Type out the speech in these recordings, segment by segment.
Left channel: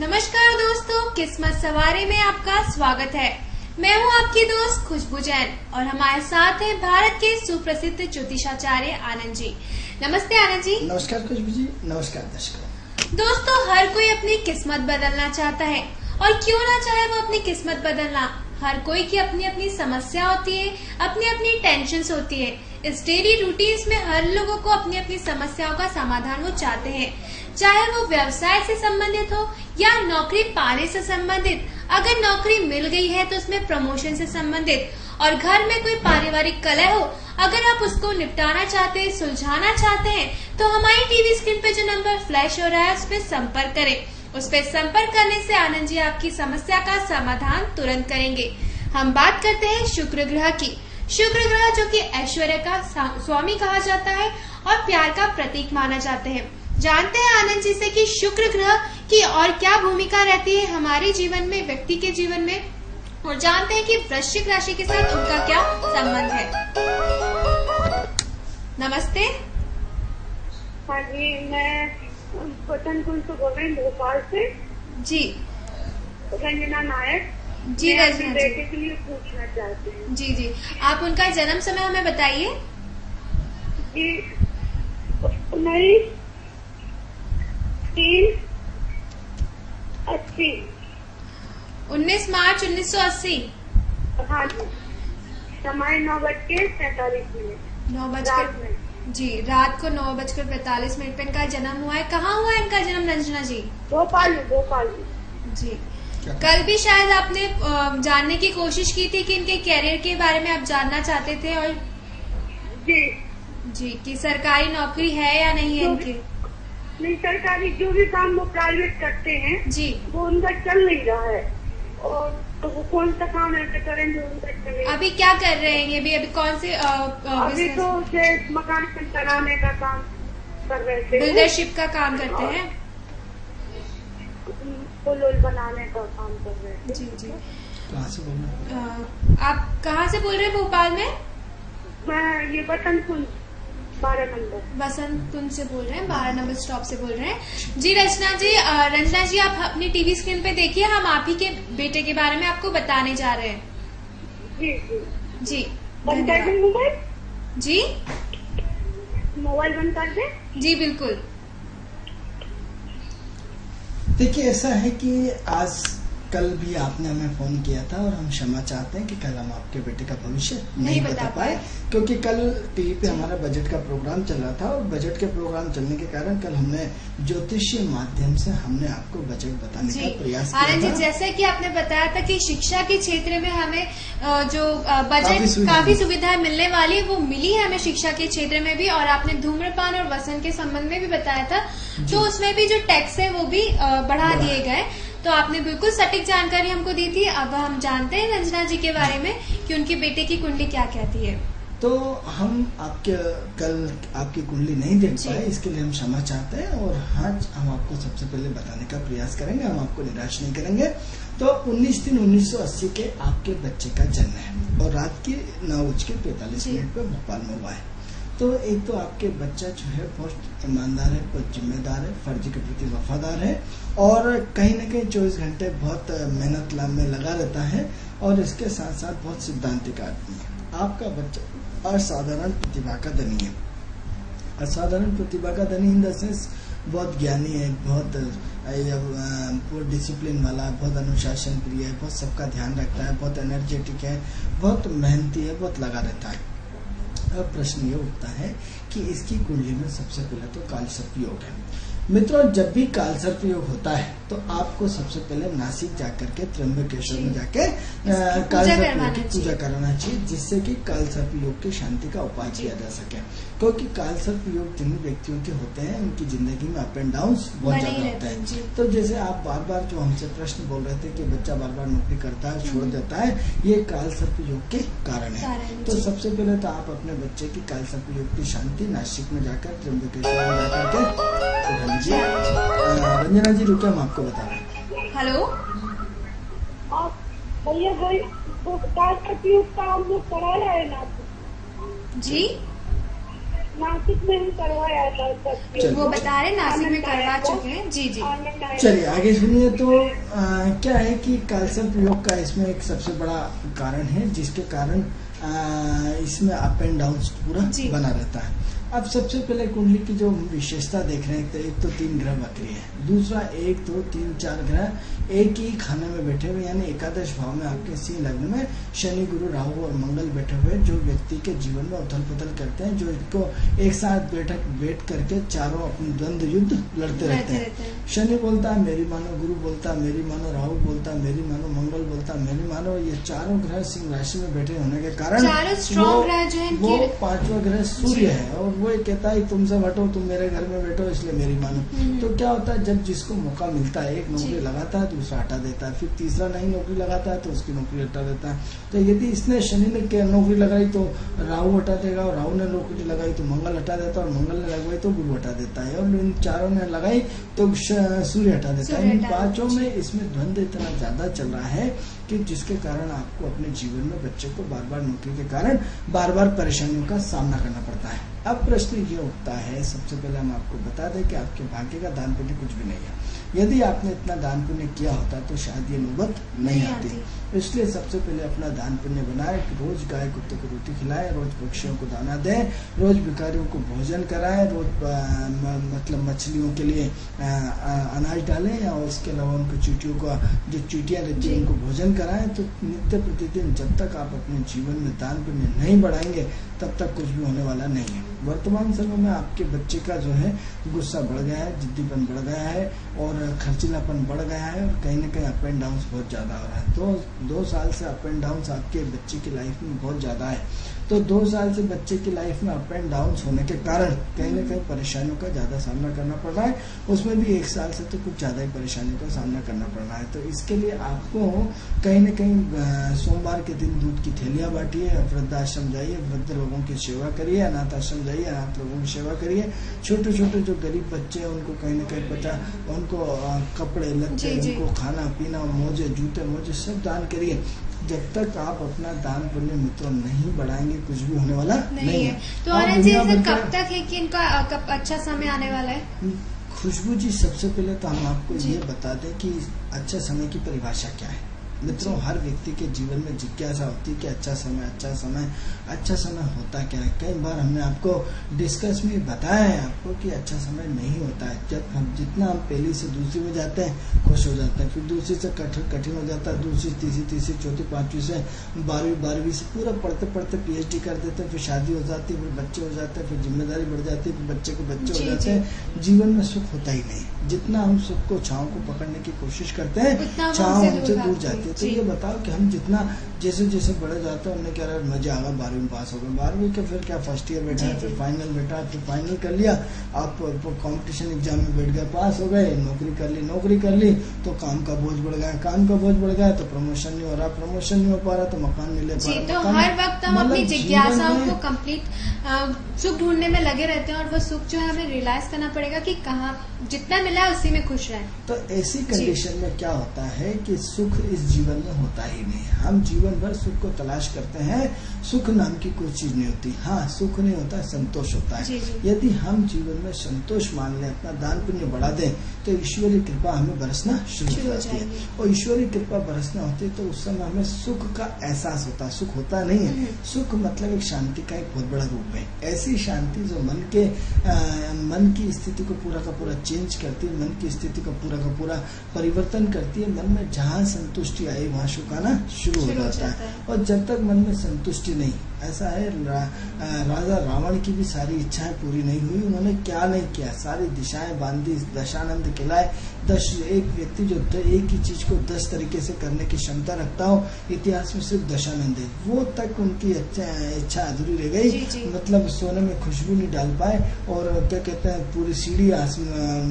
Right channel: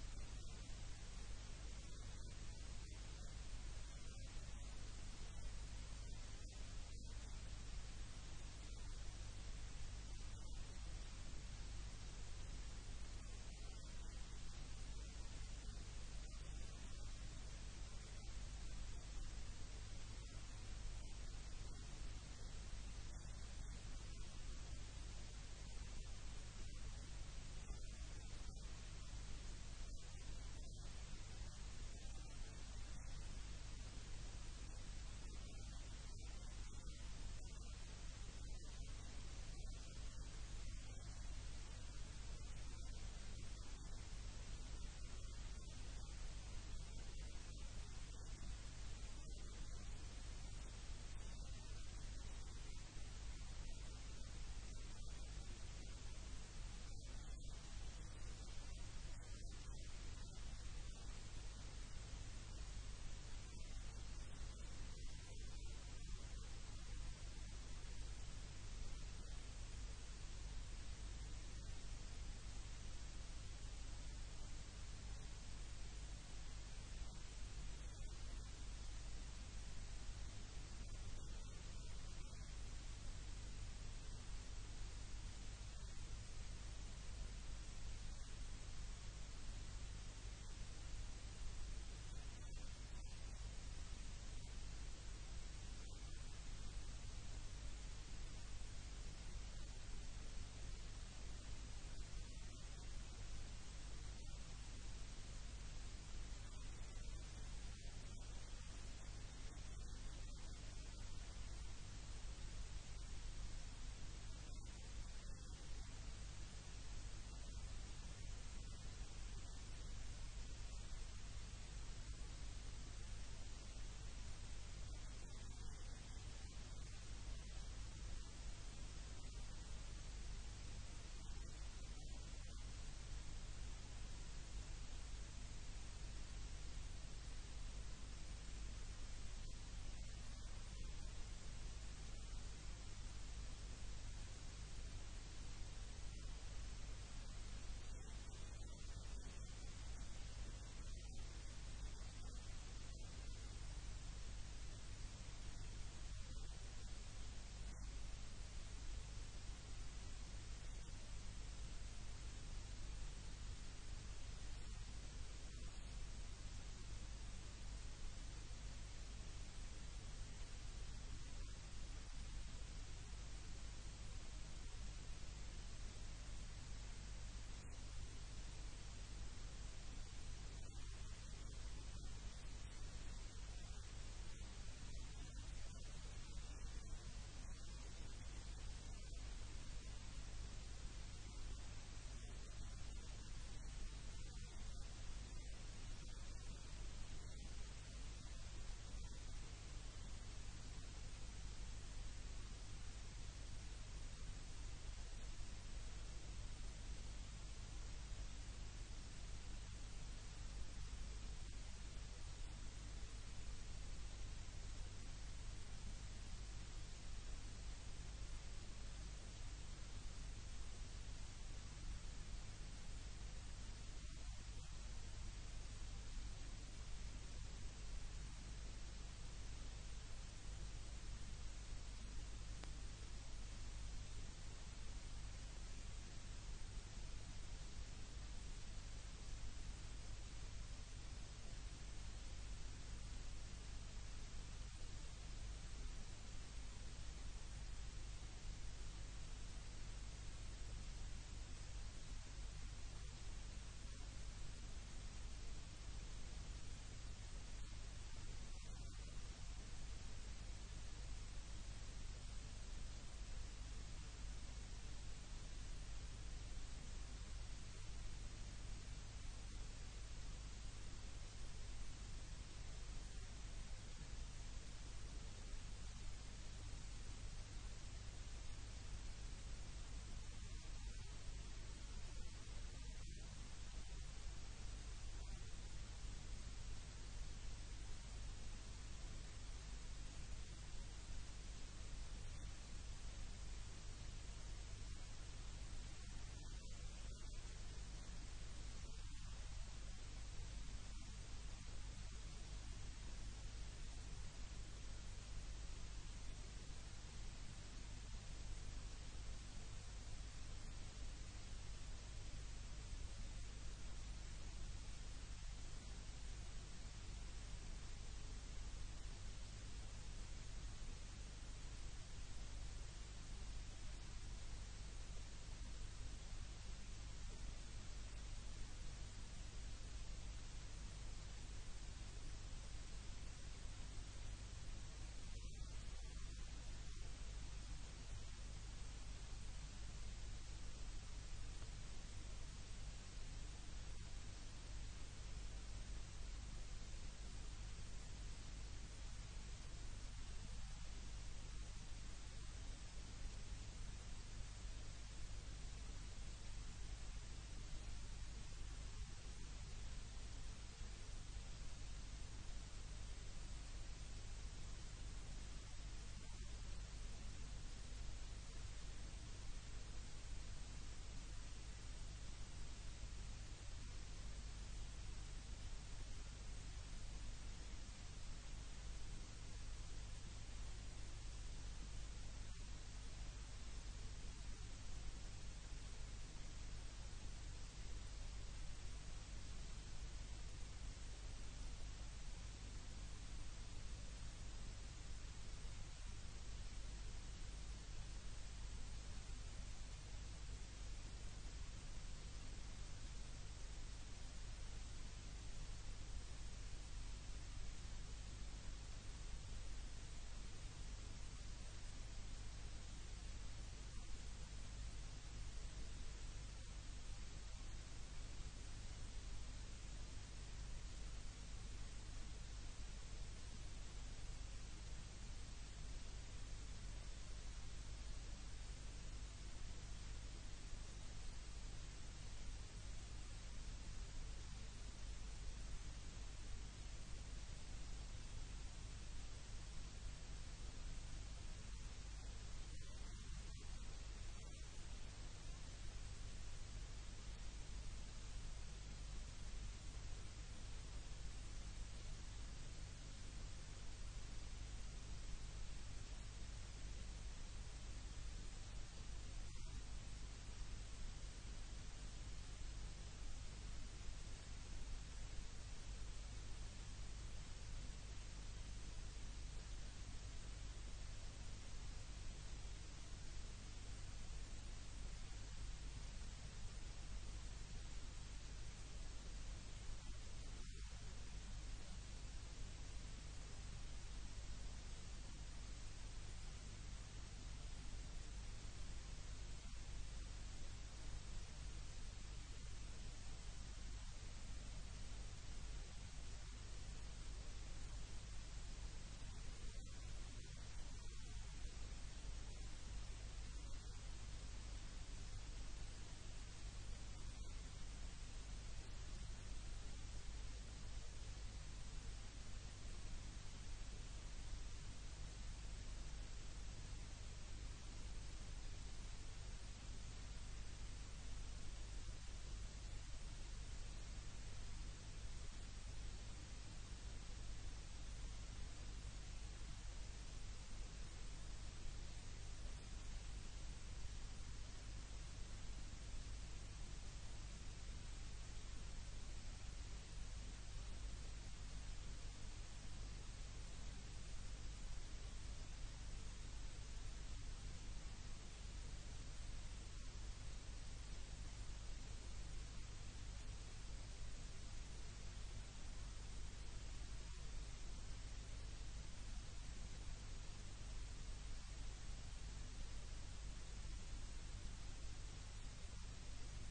नमस्कार दोस्तों, किस्मत सवारी में आपका स्वागत है। मैं हूं आपकी दोस्त खुशबू जैन और हमारे साथ हैं भारत के सुप्रसिद्ध ज्योतिषाचार्य आनंद जी। नमस्ते आनंद जी। नमस्कार खुशबू जी, नमस्कार दर्शकों। दोस्तों, हर कोई अपनी किस्मत बदलना चाहता है और क्यों ना चाहे वो अपनी किस्मत बदलना। हर कोई की अपनी अपनी समस्या होती है, अपनी अपनी टेंशन्स होती है। इस डेली रूटीन्स में हर लोगों को अपनी अपनी समस्याओं का समाधान वो चाहते हैं, चाहे वो व्यवसाय से संबंधित हो या नौकरी पाने से संबंधित। अगर नौकरी मिल गई है तो उसमें प्रमोशन से संबंधित, और घर में कोई पारिवारिक कलह हो, अगर आप उसको निपटाना चाहते हैं, सुलझाना चाहते हैं, तो हमारी टीवी स्क्रीन पे जो नंबर फ्लैश हो रहा है उस पर संपर्क करें। उस पर संपर्क करने से आनंद जी आपकी समस्या का समाधान तुरंत करेंगे। हम बात करते हैं शुक्र ग्रह की। शुक्र ग्रह जो कि ऐश्वर्य का स्वामी कहा जाता है और प्यार का प्रतीक माना जाता है। जानते हैं आनंद जी से कि शुक्र ग्रह की और क्या भूमिका रहती है हमारे जीवन में, व्यक्ति के जीवन में, और जानते हैं कि वृश्चिक राशि के साथ उनका क्या संबंध है। नमस्ते। हाँ जी, मैं पतनपुर से बोल रही हूँ, भोपाल से। जी रंजना नायक जी। मैं रंजना बेटे के लिए पूछना चाहती हूँ। जी जी, आप उनका जन्म समय हमें बताइए। जी 19/3/80। 19 मार्च 1980। हाँ जी, समय 9:45 रात में। जी, रात को 9:45 पे इनका जन्म हुआ है। कहाँ हुआ है इनका जन्म रंजना जी? भोपाल जी। कल भी शायद आपने जानने की कोशिश की थी कि इनके कैरियर के बारे में आप जानना चाहते थे, और जी कि सरकारी नौकरी है या नहीं है इनकी। नहीं, सरकारी जो भी काम वो प्राइवेट करते हैं जी, वो उनका चल नहीं रहा है। और तो वो कौन सा काम ऐसे करें जो उनका चले। अभी क्या कर रहे हैं ये भी? अभी कौन से अभी तो उसे मकान बनाने का काम कर रहे थे, बिल्डरशिप का काम करते हैं। पुल बनाने का काम कर रहे थे। जी जी। कहाँ से बोल रहे हैं? आप कहाँ से बोल रहे हैं? भोपाल में? मैं ये बसंतपुर 12 नंबर। बसंत कुंज से बोल रहे हैं, 12 नंबर स्टॉप से बोल रहे हैं। जी रंजना जी आप अपनी टीवी स्क्रीन पे देखिए, हम आप ही के बेटे के बारे में आपको बताने जा रहे हैं। जी जी जी बंद कर दे मोबाइल। जी मोबाइल बंद कर दे। जी बिल्कुल। देखिए, ऐसा है कि आज कल भी आपने हमें फोन किया था और हम क्षमा चाहते हैं कि कल हम आपके बेटे का भविष्य नहीं बता पाए, क्योंकि कल टीवी पे हमारा बजट का प्रोग्राम चल रहा था और बजट के प्रोग्राम चलने के कारण कल हमने ज्योतिषीय माध्यम से हमने आपको बजट बताने का प्रयास किया था। जैसे कि आपने बताया था कि शिक्षा के क्षेत्र में हमें जो बजट काफी सुविधाएं मिलने वाली है वो मिली है हमें शिक्षा के क्षेत्र में भी, और आपने धूम्रपान और व्यसन के संबंध में भी बताया था, तो उसमें भी जो टैक्स है वो भी बढ़ा दिए गए। तो आपने बिल्कुल सटीक जानकारी हमको दी थी। अब हम जानते हैं रंजना जी के बारे में कि उनके बेटे की कुंडली क्या कहती है। तो हम कल आपकी कुंडली नहीं देख पाए, इसके लिए हम क्षमा चाहते हैं और आज हम आपको सबसे पहले बताने का प्रयास करेंगे, हम आपको निराश नहीं करेंगे। तो 19/3/1980 के आपके बच्चे का जन्म है और रात के 9:45 पे भोपाल में हुआ है। तो एक तो आपके बच्चा जो है बहुत ईमानदार है, बहुत जिम्मेदार है, फर्ज के प्रति वफादार है और कहीं न कहीं 24 घंटे बहुत मेहनत में लगा रहता है और इसके साथ साथ बहुत सिद्धांतिक आदमी है। आपका बच्चा असाधारण प्रतिभा का धनी है। असाधारण प्रतिभा का धनी इन द सेंस बहुत ज्ञानी है, बहुत डिसिप्लिन वाला, बहुत अनुशासन प्रिय है, बहुत सबका ध्यान रखता है, बहुत एनर्जेटिक है, बहुत मेहनती है, बहुत लगा रहता है। अब प्रश्न ये उठता है कि इसकी कुंडली में सबसे पहले तो कालसर्प योग है। मित्रों, जब भी कालसर्प योग होता है तो आपको सबसे पहले नासिक जाकर के त्र्यंबकेश्वर में जाके कालसर्प योग की पूजा कराना चाहिए, जिससे कि कालसर्प योग की शांति का उपाय किया जा सके। क्योंकि कालसर्प योग जिन व्यक्तियों के होते हैं उनकी जिंदगी में अप एंड डाउन बहुत ज्यादा होता है। तो जैसे आप बार बार जो हमसे प्रश्न बोल रहे थे कि बच्चा बार बार नौकरी करता है, छोड़ देता है, ये कालसर्प योग के कारण है। तो सबसे पहले तो आप अपने बच्चे की कालसर्प योग की शांति नासिक में जाकर त्र्यंबकेश्वर में जाकर के रंजना जी रुके, हम आपको बता रहे हैं। हेलो भैया भाई, वो कालसर्प योग का हम लोग कराया है ना जी? नासिक में ही करवाया था तब। चलिए। वो बता रहे नासिक में करवा चुके हैं। जी जी। आनंद आया। चलिए आगे सुनिए। तो क्या है कि कालसर्प योग का इसमें एक सबसे बड़ा कारण है जिसके कारण इसमें अप एंड डाउन पूरा जी। बना रहता है। अब सबसे पहले कुंडली की जो विशेषता देख रहे हैं, तो एक तो 3 ग्रह वक्री है, दूसरा 1 2 3 4 ग्रह एक ही खाने में बैठे हुए, यानी एकादश भाव में आपके सिंह लग्न में शनि गुरु राहु और मंगल बैठे हुए, जो व्यक्ति के जीवन में उथल पुथल करते हैं, जो इनको एक साथ बैठ करके चारों अपनी द्वंद्व युद्ध लड़ते रहते हैं। शनि बोलता है मेरी मानो, गुरु बोलता है मेरी मानो, राहु बोलता है मेरी मानो, मंगल बोलता है मेरी मानो। ये चारों ग्रह सिंह राशि में बैठे होने के कारण स्ट्रॉन्ग ग्रह जो है वो 5वां ग्रह सूर्य है, और वो कहता है तुमसे हटो, तुम मेरे घर में बैठो, इसलिए मेरी मानो। तो क्या होता है, जब जिसको मौका मिलता है, एक नौकरी लगाता है दूसरा हटा देता है, फिर तीसरा नई नौकरी लगाता है तो उसकी नौकरी हटा देता है। तो यदि इसने शनि ने नौकरी लगाई तो राहु हटा देगा, और राहु ने नौकरी लगाई तो मंगल हटा देता है, और मंगल ने लगाई तो गुरु हटा देता है, और इन चारों ने लगाई तो सूर्य हटा देता है। इन 5 में इसमें द्वंद्व इतना ज्यादा चल रहा है कि जिसके कारण आपको अपने जीवन में बच्चे को बार बार नौकरी के कारण बार बार परेशानियों का सामना करना पड़ता है। अब प्रश्न ये उठता है, सबसे पहले हम आपको बता दें कि आपके भाग्य का दान पुण्य कुछ भी नहीं है। यदि आपने इतना दान पुण्य किया होता तो शायद ये नौबत नहीं आती। इसलिए सबसे पहले अपना दान पुण्य बनाए, रोज गाय कुत्ते को रोटी खिलाए, रोज पक्षियों को दाना दें, रोज भिखारियों को भोजन कराएं, रोज मतलब मछलियों के लिए अनाज डालें, और इसके अलावा उनको चींटियों का जो चींटियां रहती है उनको भोजन कराएं। तो नित्य प्रतिदिन जब तक आप अपने जीवन में दान पुण्य नहीं बढ़ाएंगे तब तक कुछ भी होने वाला नहीं है। वर्तमान समय में आपके बच्चे का जो है गुस्सा बढ़ गया है, जिद्दीपन बढ़ गया है, और खर्चीलापन बढ़ गया है, और कहीं ना कहीं अप एंड डाउन बहुत ज्यादा हो रहा है। तो 2 साल से अप एंड डाउन आपके बच्चे की लाइफ में बहुत ज्यादा है। तो 2 साल से बच्चे की लाइफ में अप एंड डाउन होने के कारण कहीं ना कहीं परेशानियों का ज्यादा सामना करना पड़ रहा है, उसमें भी 1 साल से तो कुछ ज्यादा ही परेशानियों का सामना करना पड़ रहा है। तो इसके लिए आपको कहीं ना कहीं सोमवार के दिन दूध की थैलियां बांटिए, वृद्धाश्रम जाइए, वृद्ध लोगों की सेवा करिए, अनाथ आश्रम जाइए, अनाथ लोगों की सेवा करिए, छोटे छोटे जो गरीब बच्चे हैं उनको कहीं ना कहीं उनको कपड़े लत्ते, उनको खाना पीना, मोजे जूते मोजे सब दान करिए। जब तक आप अपना दान पुण्य मित्रों नहीं बढ़ाएंगे कुछ भी होने वाला नहीं है। तो और ऐसे कब तक है कि इनका अच्छा समय आने वाला है? खुशबू जी, सबसे पहले तो हम आपको ये बता दें कि अच्छा समय की परिभाषा क्या है। मित्रों, हर व्यक्ति के जीवन में जिज्ञासा होती है कि अच्छा समय होता क्या है। कई बार हमने आपको डिस्कस में बताया है आपको कि अच्छा समय नहीं होता है। जब हम पहली से दूसरी में जाते हैं खुश हो जाते हैं, फिर दूसरी से कठिन हो जाता है, दूसरी तीसरी चौथी पांचवी से 12वीं से पूरा पढ़ते PhD कर देते हैं, फिर शादी हो जाती है, फिर बच्चे हो जाते हैं, फिर जिम्मेदारी बढ़ जाती है, फिर बच्चे हो जाते हैं। जीवन में सुख होता ही नहीं। जितना हम सुख को छांव को पकड़ने की कोशिश करते हैं, छांव हमसे दूर जाती है। तो ये बताओ कि हम जितना जैसे बड़े जाते हैं उन्हें क्या मजा आगा 12वीं में पास हो गए, 12वीं के फिर क्या फर्स्ट ईयर बैठा है, फिर फाइनल बैठा है, फिर फाइनल कर लिया, आप कंपटीशन एग्जाम में बैठ गए, पास हो गए, नौकरी कर ली तो काम का बोझ बढ़ गया, तो प्रमोशन नहीं हो रहा, प्रमोशन नहीं हो पा रहा तो मकान नहीं ले पा रहा। तो हर वक्त हम अपनी जिज्ञासाओं को कंप्लीट सुख ढूंढने में लगे रहते हैं, और वो सुख जो है हमें रियलाइज करना पड़ेगा कि कहाँ जितना मिला है उसी में खुश रहें। तो ऐसी कंडीशन में क्या होता है कि सुख इस जीवन में होता ही नहीं है। हम जीवन भर सुख को तलाश करते हैं, सुख नाम की कोई चीज नहीं होती। हाँ, सुख नहीं होता, संतोष होता है। यदि हम जीवन में संतोष मान लें, अपना दान पुण्य बढ़ा दें, तो ईश्वरीय कृपा हमें बरसना शुरू हो जाती है। और ईश्वरीय कृपा बरसना होती है तो उस समय हमें सुख का एहसास होता है। सुख होता नहीं है, सुख मतलब एक शांति का एक बहुत बड़ा रूप है। ऐसी शांति जो मन की स्थिति को पूरा का पूरा चेंज करती है, मन की स्थिति का पूरा परिवर्तन करती है। मन में जहाँ संतुष्टि आई वहाँ सुख आना शुरू हो जाता है। और जब तक मन में संतुष्टि नहीं, ऐसा है राजा रावण की भी सारी इच्छाएं पूरी नहीं हुई। उन्होंने क्या नहीं किया, सारी दिशाएं बांधी, दशानंद खिलाए। एक व्यक्ति जो एक ही चीज को 10 तरीके से करने की क्षमता रखता हो, इतिहास में सिर्फ दशानंद है। वो तक उनकी इच्छा अधूरी रह गई, मतलब सोने में खुशबू नहीं डाल पाए, और क्या कहते हैं पूरी सीढ़ी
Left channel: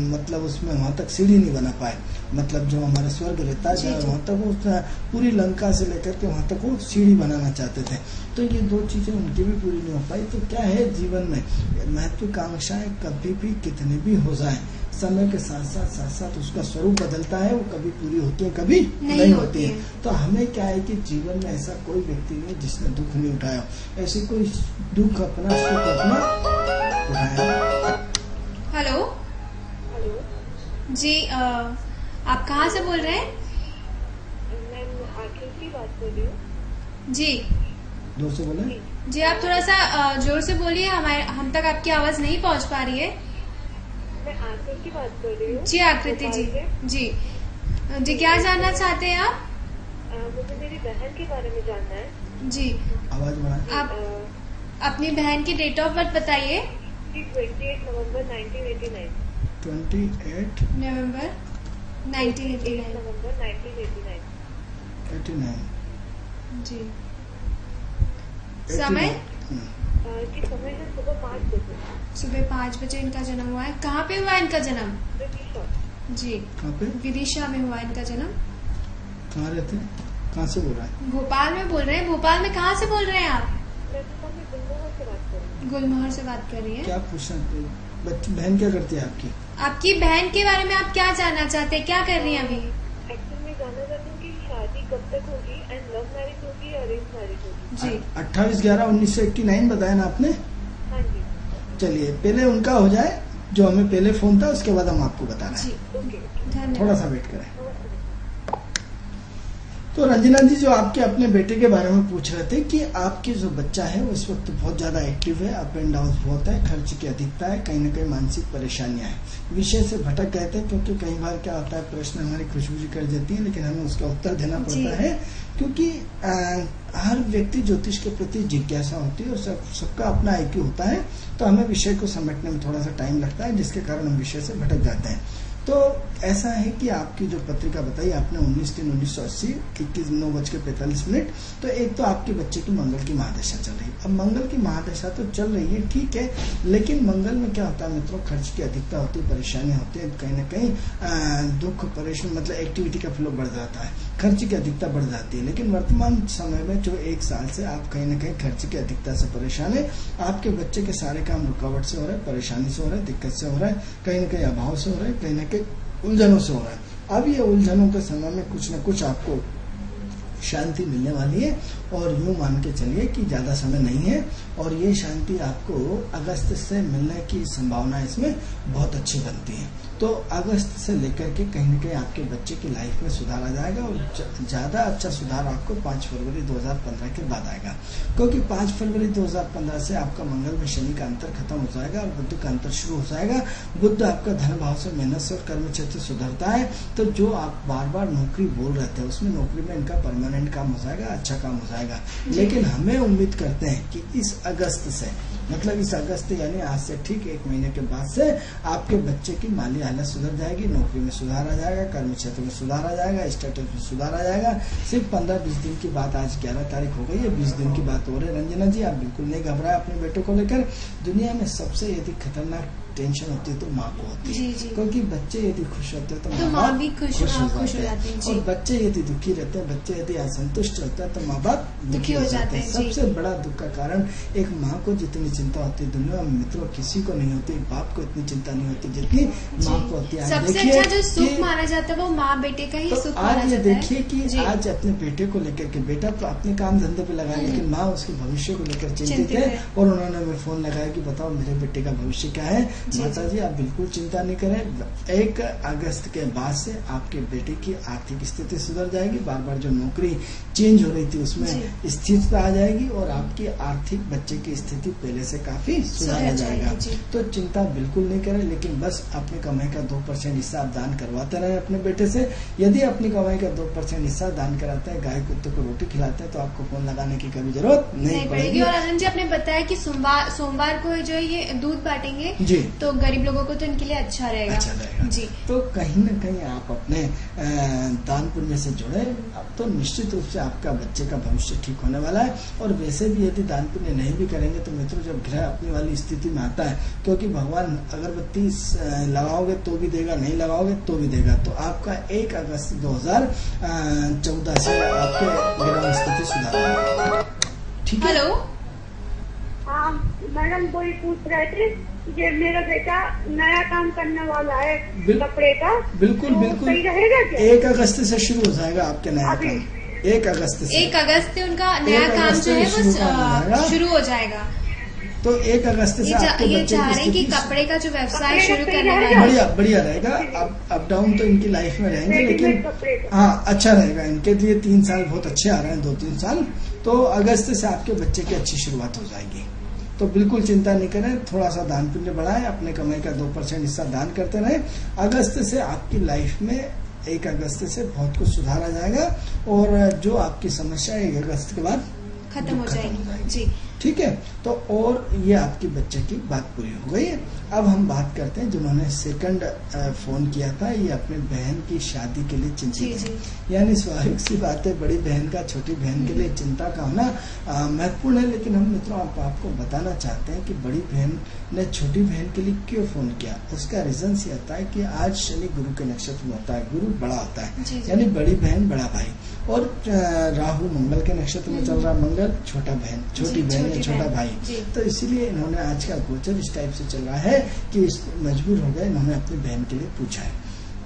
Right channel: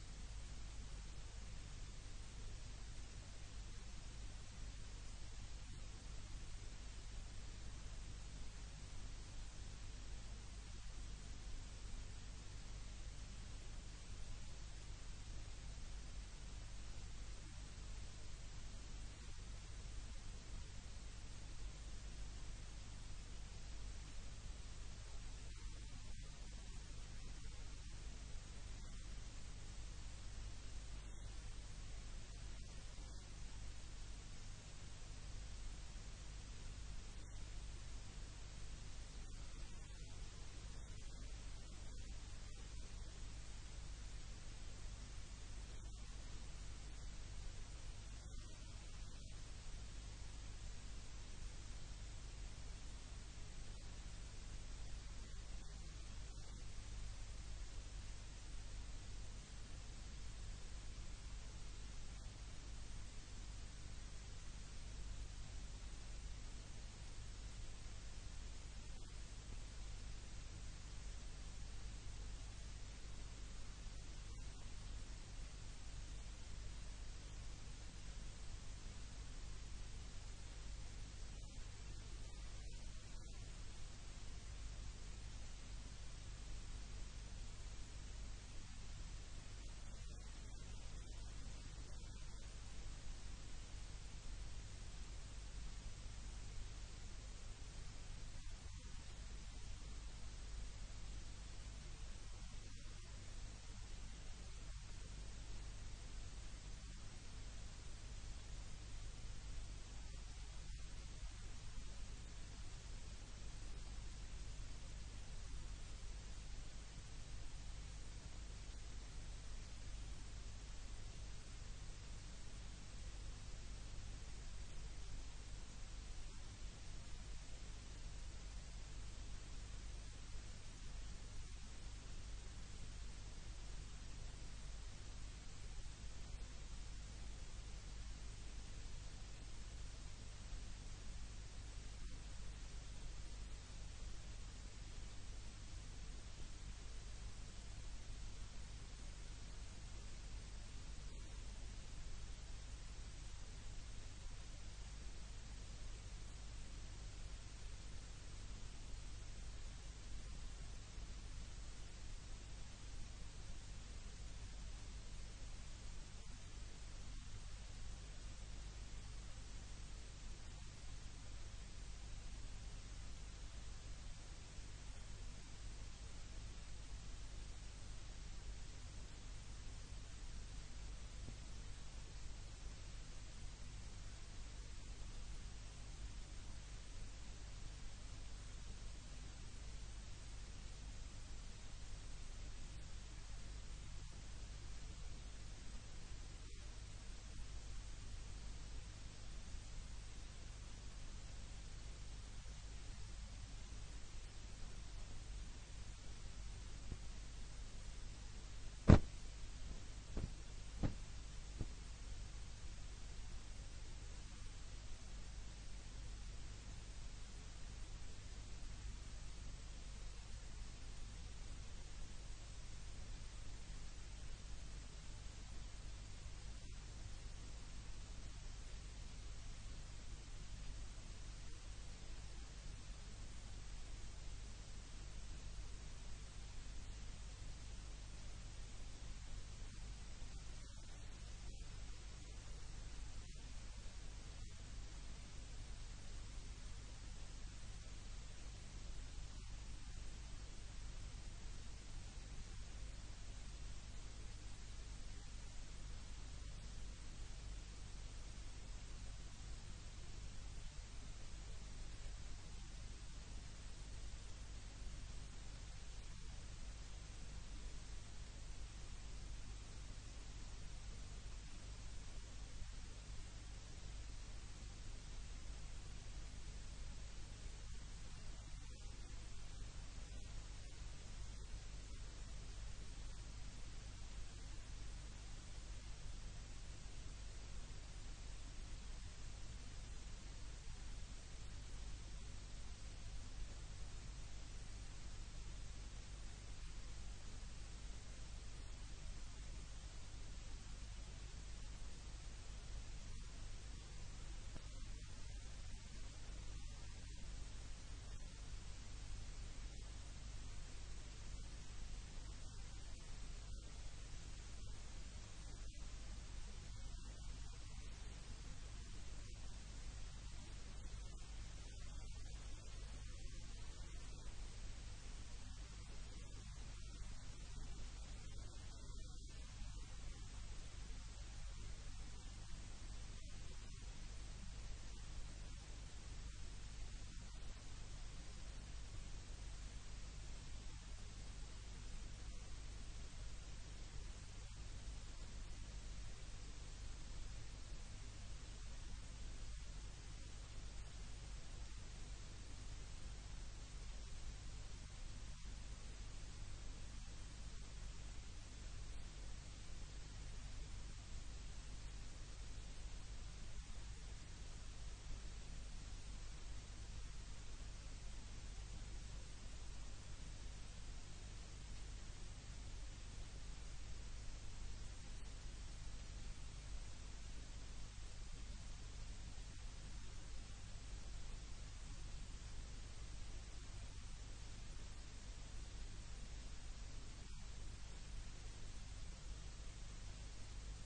मतलब उसमें वहां तक सीढ़ी नहीं बना पाए। मतलब जो हमारा स्वर्ग रहता है वहां तक वो पूरी लंका से लेकर के वहां तक वो सीढ़ी बनाना चाहते थे। तो ये 2 चीजें उनकी भी पूरी नहीं हो पाई। तो क्या है, जीवन में महत्वाकांक्षाएं कभी भी कितनी भी हो जाए, समय के साथ उसका स्वरूप बदलता है। वो कभी पूरी होती है, कभी नहीं होती है। तो हमें क्या है कि जीवन में ऐसा कोई व्यक्ति नहीं जिसने दुख नहीं उठाया, ऐसे कोई दुख अपना सुख अपना उठाया। हेलो हेलो जी, आप कहाँ से बोल रहे हैं? मैं आकृति बात कर रही हूँ। जी जोर से बोले। जी, आप थोड़ा सा जोर से बोलिए, हम तक आपकी आवाज नहीं पहुंच पा रही है। मैं आकृति बात कर रही हूँ। जी आकृति जी, भोपाल से। जी क्या जानना चाहते हैं आप? मुझे मेरी बहन के बारे में जानना है। जी, आवाज बढ़ाए। आप अपनी बहन की डेट ऑफ बर्थ बताइए। 28 नवंबर 1989। 28 नवंबर 1989। नवंबर 1989। 89। जी, समय? कि समय है सुबह 5 बजे। सुबह 5 बजे इनका जन्म हुआ है। कहाँ पे हुआ है इनका जन्म? विदिशा। जी, कहाँ पे, विदिशा में हुआ है इनका जन्म। कहाँ रहते हैं, कहाँ से बोल रहा है? भोपाल में बोल रहे हैं। भोपाल में कहाँ से बोल रहे हैं आप? मैं भोपाल में गुलमोहर से बात कर रही हूँ। गुलमोहर से बात कर रही हैं। क्या पूछना, बच्ची बहन क्या करती है आपकी? आपकी बहन के बारे में आप क्या जानना चाहते हैं? क्या कर रही हैं अभी? एक्चुअली मैं जानना चाहती हूँ कि शादी कब तक होगी एंड लव मैरिज होगी या अरेंज मैरिज होगी। जी 28/11/1989 बताया ना आपने। हाँ जी। चलिए पहले उनका हो जाए, जो हमें पहले फोन था, उसके बाद हम आपको बता रहे जी, हैं। ओके। धन्यवाद। थोड़ा सा वेट करें। नमस्ते। तो रंजना जी, जो आपके अपने बेटे के बारे में पूछ रहे थे कि आपकी जो बच्चा है वो इस वक्त बहुत ज्यादा एक्टिव है, अप एंड डाउन बहुत है, खर्च की अधिकता है, कहीं ना कहीं मानसिक परेशानियां हैं, विषय से भटक गए थे। क्योंकि कई बार क्या होता है, प्रश्न हमारी खुशबू जी कर देती है, लेकिन हमें उसका उत्तर देना पड़ता है, क्योंकि हर व्यक्ति ज्योतिष के प्रति जिज्ञासा होती है और सबका अपना IQ होता है। तो हमें विषय को समेटने में थोड़ा सा टाइम लगता है, जिसके कारण हम विषय से भटक जाते हैं। तो ऐसा है कि आपकी जो पत्रिका बताई आपने 19/3/1980 21:09:45। तो एक तो आपके बच्चे की मंगल की महादशा चल रही है। अब मंगल की महादशा तो चल रही है, ठीक है, लेकिन मंगल में क्या होता है मित्रों, खर्च की अधिकता होती है, परेशानियां होती है, कहीं ना कहीं दुख परेशानी, मतलब एक्टिविटी का फ्लो बढ़ जाता है, खर्च की अधिकता बढ़ जाती है। लेकिन वर्तमान समय में जो 1 साल से आप कहीं ना कहीं खर्च की अधिकता से परेशान है। आपके बच्चे के सारे काम रुकावट से हो रहा है, परेशानी से हो रहा है, दिक्कत से हो रहा है, कहीं ना कहीं अभाव से हो रहा है, कहीं ना कहीं उलझनों से हो रहा है। अब ये उलझनों के समय में कुछ न कुछ आपको शांति मिलने वाली है, और यूं मान के चलिए कि ज्यादा समय नहीं है, और ये शांति आपको अगस्त से मिलने की संभावना इसमें बहुत अच्छी बनती है। तो अगस्त से लेकर के कहीं न कहीं आपके बच्चे की लाइफ में सुधार आ जाएगा, और ज्यादा अच्छा सुधार आपको 5 फरवरी 2015 के बाद आएगा। क्योंकि 5 फरवरी 2015 से आपका मंगल में शनि का अंतर खत्म हो जाएगा और बुध का अंतर शुरू हो जाएगा। बुध आपका धन भाव से, मेहनत से और कर्म क्षेत्र सुधरता है। तो जो आप बार बार नौकरी बोल रहे थे, उसमें नौकरी में इनका परमानेंट काम हो जाएगा, अच्छा काम हो जाएगा। लेकिन हमें उम्मीद करते हैं कि इस अगस्त से, मतलब इस अगस्त यानी आज से ठीक 1 महीने के बाद से आपके बच्चे की माली हालत सुधर जाएगी, नौकरी में सुधार आ जाएगा, कर्म क्षेत्र में सुधार आ जाएगा, स्टेटस में सुधार आ जाएगा। सिर्फ 15-20 दिन की बात, आज 11 तारीख हो गई है, 20 दिन की बात हो रही है। रंजना जी, आप बिल्कुल नहीं घबराए अपने बेटों को लेकर। दुनिया में सबसे यदि खतरनाक टेंशन होती है तो माँ को होती है, क्योंकि बच्चे यदि खुश होते हैं तो माँ भी खुश हो जाती है, और बच्चे यदि दुखी रहते हैं, बच्चे यदि असंतुष्ट रहते हैं तो माँ बाप दुखी हो जाते हैं। सबसे बड़ा दुख का कारण एक माँ को जितनी चिंता होती है दुनिया में मित्रों किसी को नहीं होती, बाप को इतनी चिंता नहीं होती जितनी माँ को होती है। सबसे अच्छा जो सुख माना जाता है वो माँ बेटे का ही सुख माना जाता है। आज ये देखिए कि आज अपने बेटे को लेकर के, बेटा तो अपने काम धंधे पे लगा, लेकिन माँ उसके भविष्य को लेकर चिंतित है, और उन्होंने हमें फोन लगाया कि बताओ मेरे बेटे का भविष्य क्या है। माता जी आप बिल्कुल चिंता नहीं करें, 1 अगस्त के बाद से आपके बेटे की आर्थिक स्थिति सुधर जाएगी, बार बार जो नौकरी चेंज हो रही थी उसमें स्थिरता आ जाएगी, और आपकी आर्थिक बच्चे की स्थिति पहले से काफी सुधार आ जाएगा। तो चिंता बिल्कुल नहीं करें, लेकिन बस अपनी कमाई का 2% हिस्सा आप दान करवाते रहे अपने बेटे से। यदि अपनी कमाई का 2% हिस्सा दान कराते हैं, गाय कुत्ते को रोटी खिलाते हैं, तो आपको फोन लगाने की कभी जरूरत नहीं पड़ेगी। और आनंद जी आपने बताया कि सोमवार को जो है ये दूध बांटेंगे जी, तो गरीब लोगों को तो इनके लिए अच्छा रहेगा जी। तो कहीं न कहीं आप अपने दान पुण्य से जुड़े, अब तो निश्चित रूप से आपका बच्चे का भविष्य ठीक होने वाला है। और वैसे भी यदि दान पुण्य नहीं भी करेंगे तो मित्रों, जब ग्रह अपनी वाली स्थिति में आता है, क्योंकि भगवान अगरबत्ती लगाओगे तो भी देगा, नहीं लगाओगे तो भी देगा। तो आपका 1 अगस्त 2014 से आपके ग्रह स्थिति सुधार, ठीक है। हेलो, हाँ मैडम, वही पूछ रहे थे कि मेरा बेटा नया काम करने वाला है कपड़े का, बिल्कुल तो बिल्कुल सही रहेगा क्या? 1 अगस्त से शुरू हो जाएगा आपके नया काम, 1 अगस्त से। 1 अगस्त से उनका नया काम जो है वो शुरू हो जाएगा। तो 1 अगस्त से आपके ये बच्चे चाह रहे हैं कि की कपड़े का जो व्यवसाय कपड़े शुरू का करना तैयार है। बढ़िया बढ़िया रहेगा। अप डाउन तो इनकी लाइफ में रहेंगे, लेकिन रेडीमेड कपड़े का। हाँ अच्छा रहेगा इनके लिए। 3 साल बहुत अच्छे आ रहे हैं, 2-3 साल। तो अगस्त से आपके बच्चे की अच्छी शुरुआत हो जाएगी। तो बिल्कुल चिंता नहीं करें, थोड़ा सा दान पुण्य बढ़ाएं, अपने कमाई का 2% हिस्सा दान करते रहें। अगस्त से आपकी लाइफ में 1 अगस्त से बहुत कुछ सुधार आ जाएगा, और जो आपकी समस्या 1 अगस्त के बाद खत्म हो जाएगी जी। ठीक है। तो और ये आपकी बच्चे की बात पूरी हो गई है। अब हम बात करते हैं जिन्होंने सेकंड फोन किया था, ये अपने बहन की शादी के लिए चिंतित है। यानी स्वाभाविक सी बात है, बड़ी बहन का छोटी बहन के लिए चिंता का होना महत्वपूर्ण है। लेकिन हम मित्रों आपको बताना चाहते हैं कि बड़ी बहन ने छोटी बहन के लिए क्यों फोन किया। उसका रीजन ये होता है कि आज शनि गुरु के नक्षत्र में होता है, गुरु बड़ा होता है, यानी बड़ी बहन बड़ा भाई, और राहु मंगल के नक्षत्र में चल रहा, मंगल छोटा बहन, छोटी बहन या छोटा भाई। तो इसीलिए इन्होंने आज का गोचर इस टाइप से चल रहा है कि मजबूर हो गए, इन्होंने अपनी बहन के लिए पूछा है।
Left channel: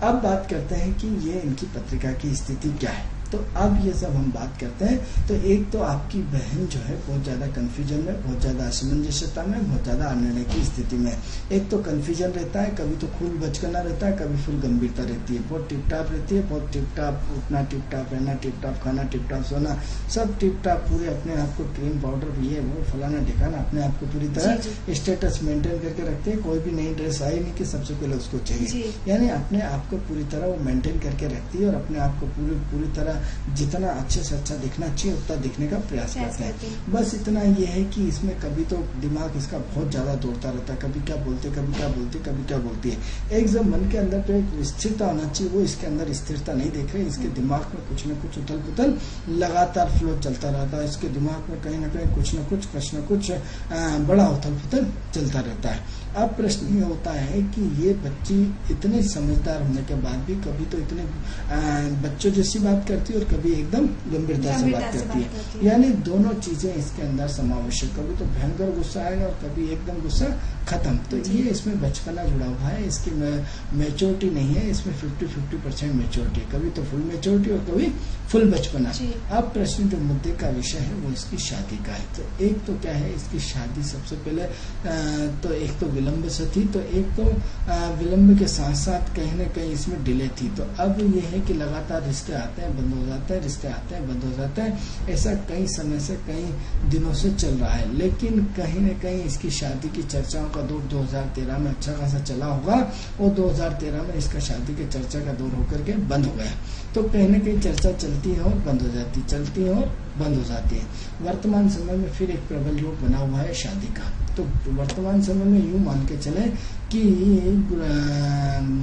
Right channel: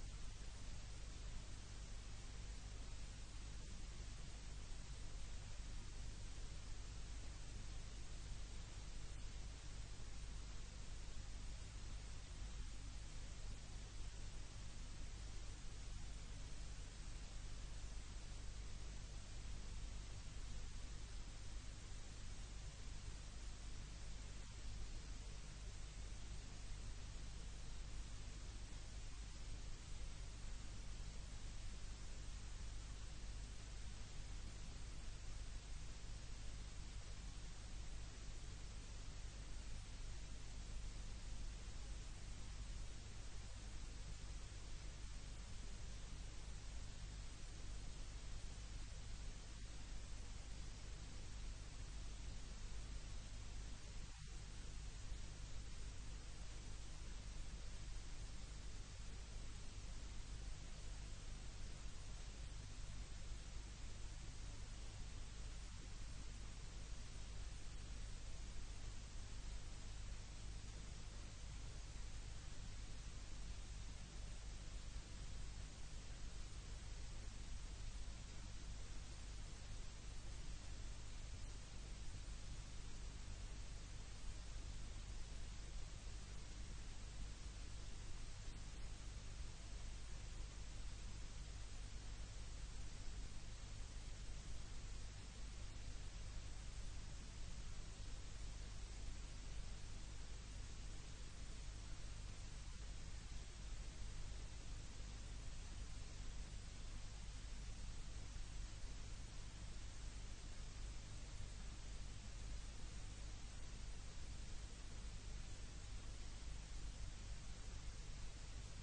अब बात करते हैं कि ये इनकी पत्रिका की स्थिति क्या है। तो अब ये सब हम बात करते हैं। तो एक तो आपकी बहन जो है बहुत ज्यादा कंफ्यूजन में, बहुत ज्यादा असमंजसता में, बहुत ज्यादा अनिर्णय की स्थिति में। एक तो कंफ्यूजन रहता है, कभी तो फुल बचकाना रहता है, कभी फुल गंभीरता रहती है, बहुत टिप टाप रहती है, बहुत टिप टाप उठना, टिप टाप रहना, टिप टाप खाना, टिप टाप सोना, सब टिप टाप, पूरे अपने आप को क्रीम पाउडर ये वो फलाना ठिकाना, अपने आप को पूरी तरह स्टेटस मेंटेन करके रखते हैं। कोई भी नई ड्रेस आई नहीं कि सबसे पहले उसको चाहिए, यानी अपने आप को पूरी तरह वो मेंटेन करके रखती है, और अपने आप को पूरी तरह जितना अच्छे से अच्छा दिखना चाहिए उतना दिखने का प्रयास करते हैं। बस इतना ये है कि इसमें कभी तो दिमाग इसका बहुत ज्यादा दौड़ता रहता है, कभी क्या बोलते, कभी क्या बोलती, कभी क्या बोलती है। एक जब मन के अंदर तो एक स्थिरता होना चाहिए, वो इसके अंदर स्थिरता नहीं देख रहे। इसके दिमाग में कुछ न कुछ उथल पुथल लगातार फ्लो चलता रहता है। इसके दिमाग में कहीं ना कहीं कुछ न कुछ बड़ा उथल पुथल चलता रहता है। अब प्रश्न ये होता है कि ये बच्ची इतने समझदार होने के बाद भी कभी तो इतने बच्चों जैसी बात करती है, और कभी एकदम गंभीरता से बात करती है। यानी दोनों चीजें इसके अंदर समावेश है। कभी तो भयंकर गुस्सा आएगा और कभी एकदम गुस्सा खत्म। तो ये इसमें बचपना जुड़ा हुआ है, इसकी मैच्योरिटी नहीं है, इसमें 50-50% मैच्योरिटी है। कभी तो फुल मैच्योरिटी और कभी फुल बचपना। अब प्रश्न जो मुद्दे का विषय है वो इसकी शादी का है। तो एक तो क्या है, इसकी शादी सबसे पहले तो एक तो विलंब से थी, तो एक तो विलंब के साथ साथ कहीं न कहीं इसमें डिले थी। तो अब ये है कि लगातार रिश्ते आते हैं बंद हो जाते हैं, रिश्ते आते हैं बंद हो जाते हैं। ऐसा कई समय से, कई दिनों से चल रहा है। लेकिन कहीं न कहीं इसकी शादी की चर्चाओं का दौर 2013 में अच्छा खासा चला होगा, और 2013 में इसका शादी के चर्चा का दौर होकर के बंद हो गया। तो कहीं न कहीं चर्चा चलती है और बंद हो जाती है, चलती है और बंद हो जाती है। वर्तमान समय में फिर एक प्रबल योग बना हुआ है शादी का। तो वर्तमान समय में यूं मान के चले कि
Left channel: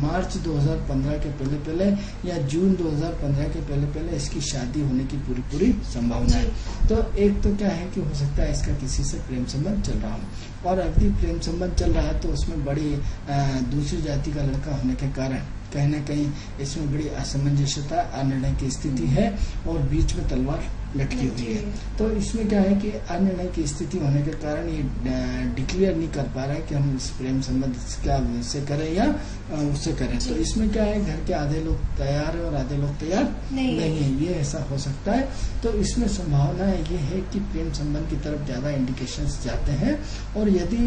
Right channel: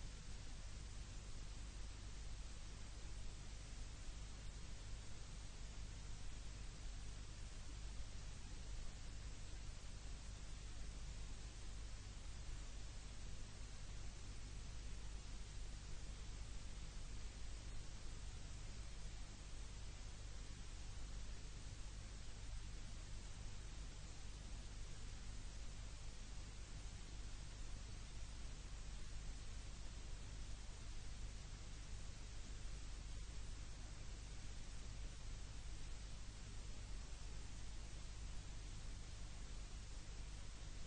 मार्च 2015 के पहले या जून 2015 के पहले इसकी शादी होने की पूरी संभावना है। तो एक तो क्या है कि हो सकता है इसका किसी से प्रेम संबंध चल रहा हो, और यदि प्रेम संबंध चल रहा है तो उसमें बड़ी दूसरी जाति का लड़का होने के कारण कहीं न कहीं इसमें बड़ी असमंजसता, अनिर्णय की स्थिति है, और बीच में तलवार लटकी हुई है। तो इसमें क्या है कि अनिर्णय की स्थिति होने के कारण ये डिक्लेयर नहीं कर पा रहा है कि हम इस प्रेम संबंध क्या से करें या उससे करें। तो इसमें क्या है, घर के आधे लोग तैयार है और आधे लोग तैयार नहीं है, ये ऐसा हो सकता है। तो इसमें संभावना ये है कि प्रेम संबंध की तरफ ज्यादा इंडिकेशंस जाते हैं। और यदि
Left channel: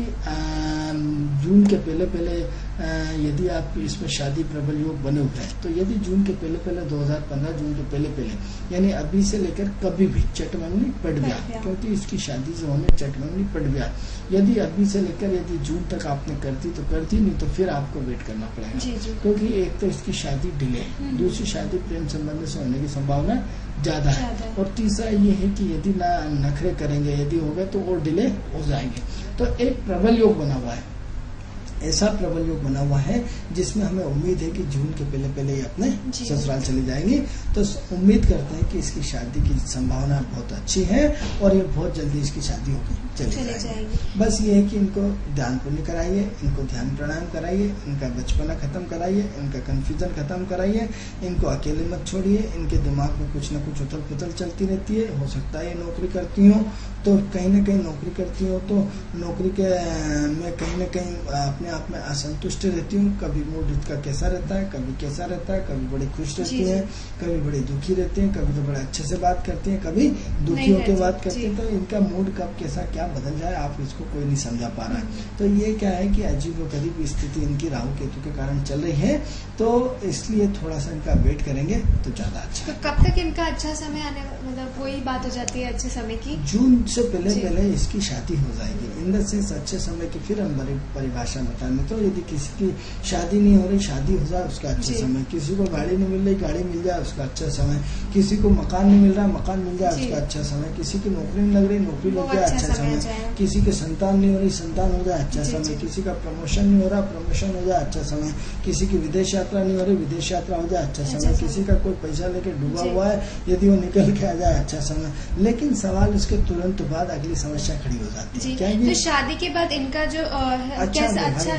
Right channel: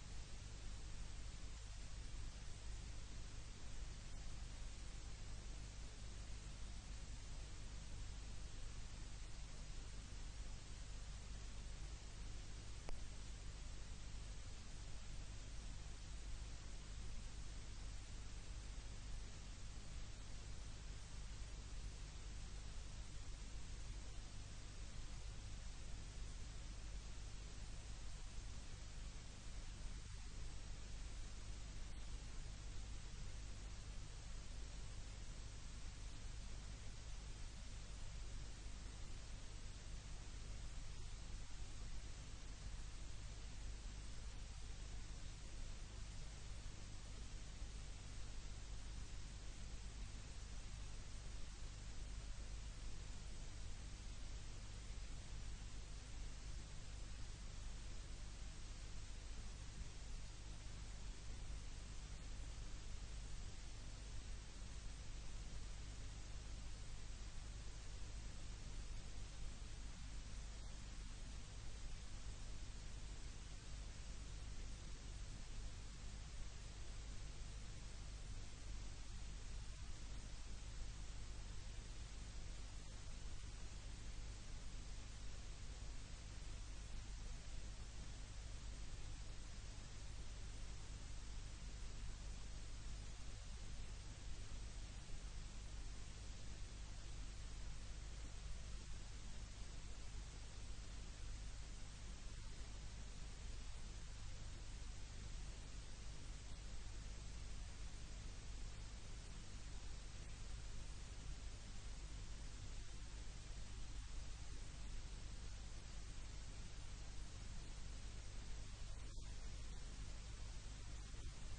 जून के पहले यदि आप इसमें शादी प्रबल योग बने हुए हैं, तो यदि जून के पहले 2015 जून के पहले यानी अभी से लेकर कभी भी चटमंगनी पड़ गया, क्योंकि इसकी शादी जो होने चटमंगनी पड़ गया। यदि अभी से लेकर यदि जून तक आपने करती तो करती, नहीं तो फिर आपको वेट करना पड़ेगा। क्योंकि एक तो इसकी शादी डिले है, दूसरी शादी प्रेम संबंध से होने की संभावना ज्यादा है, और तीसरा ये है कि यदि ना नखरे करेंगे, यदि हो गए तो और डिले हो जाएंगे। तो एक प्रबल योग बना हुआ है, ऐसा प्रबल योग बना हुआ है जिसमें हमें उम्मीद है कि जून के पहले ये अपने ससुराल चली जाएंगी। तो उम्मीद करते हैं कि इसकी शादी की संभावना बहुत अच्छी है, और ये बहुत जल्दी इसकी शादी होगी चली जाएगी। बस ये है कि इनको ध्यान पुण्य कराइए, इनको ध्यान प्राणायाम कराइए, इनका बचपना खत्म कराइए, इनका कंफ्यूजन खत्म कराइए, इनको अकेले मत छोड़िए। इनके दिमाग में कुछ न कुछ उथल पुथल चलती रहती है। हो सकता है ये नौकरी करती हो, तो कहीं न कहीं नौकरी करती हो तो नौकरी के में कहीं न कहीं अपने आप में असंतुष्ट रहती हूँ, कभी मूड इसका कैसा रहता है, कभी कैसा रहता है, कभी बड़ी खुश रहती हैं, कभी बड़ी दुखी रहती हैं, कभी तो बड़े अच्छे से बात करती हैं, कभी दुखी होकर बात करती हैं। तो इनका मूड कब कैसा क्या बदल जाए आप इसको कोई नहीं समझा पा रहा है। तो ये क्या है कि अजीबोगरीब स्थिति इनकी राहु केतु के कारण चल रही है, तो इसलिए थोड़ा सा इनका वेट करेंगे तो ज्यादा अच्छा। तो कब तक इनका अच्छा समय आने, मतलब वही बात हो जाती है अच्छे समय की? जून से पहले इसकी शादी हो जाएगी। इन द सेंस अच्छे समय की फिर हम बड़ी परिभाषा बताएंगे। तो यदि किसी की शादी नहीं हो रही, शादी हो जाए उसका अच्छा समय, किसी को गाड़ी नहीं मिल रही, गाड़ी मिल जाए उसका अच्छा समय, किसी को मकान नहीं मिल रहा, मकान मिल जाए उसका अच्छा समय, किसी की नौकरी नहीं लग रही, नौकरी लग जाए अच्छा समय, किसी के संतान नहीं हो रही, संतान हो जाए अच्छा समय, किसी का प्रमोशन नहीं हो रहा, प्रमोशन हो जाए अच्छा समय, किसी की विदेश यात्रा नहीं हो रही, विदेश यात्रा हो जाए अच्छा समय, किसी का कोई पैसा लेके डूबा हुआ है, यदि वो निकल के आ जाए अच्छा समय। लेकिन सवाल उसके तुरंत बाद अगली समस्या खड़ी हो जाती है। क्या तो शादी के बाद इनका जो अच्छा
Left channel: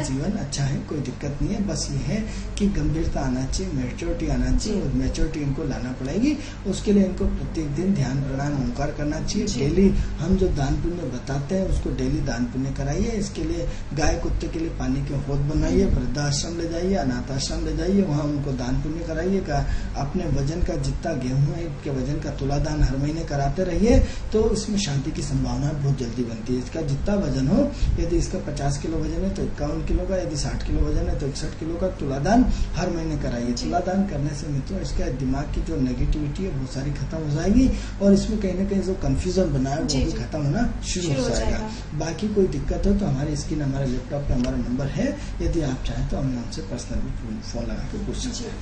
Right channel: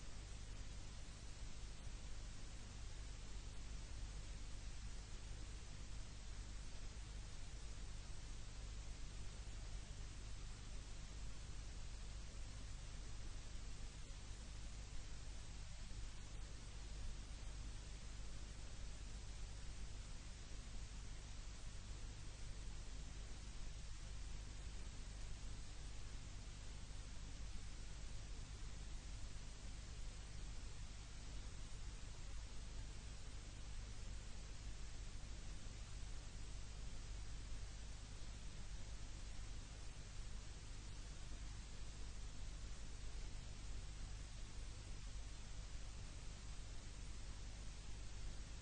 जीवन अच्छा है, कोई दिक्कत नहीं है। बस ये है कि गंभीरता आना चाहिए, मैच्योरिटी आना चाहिए, और मैच्योरिटी इनको लाना पड़ेगी। उसके लिए इनको प्रत्येक दिन ध्यान प्राणायाम ओंकार करना चाहिए। डेली हम जो दान पुण्य बताते हैं उसको डेली दान पुण्य कराइए। इसके लिए गाय कुत्ते के लिए पानी के हौद बनाइए, वृद्धाश्रम ले जाइए, अनाथ आश्रम ले जाइए, वहाँ उनको दान पुण्य कराइएगा। अपने वजन का जितना गेहूं है के वजन का तुलादान हर महीने कराते रहिए, तो इसमें शांति की संभावना बहुत जल्दी बनती है। इसका जितना वजन हो, यदि इसका 50 किलो वजन है तो 51 किलो का, यदि 60 किलो वजन है तो 61 किलो का तुलादान हर महीने कराइए। तुलादान करने से मित्रों इसका दिमाग की जो नेगेटिविटी है वो सारी खत्म हो जाएगी, और इसमें कहीं ना कहीं जो कंफ्यूजन बना है वो भी खत्म होना शुरू हो जाएगा। बाकी कोई दिक्कत हो तो हमारी स्क्रीन, हमारे लैपटॉप पे हमारा नंबर है, यदि आप चाहें तो हम हमसे पर्सनली फोन लगा के पूछ सकते हैं।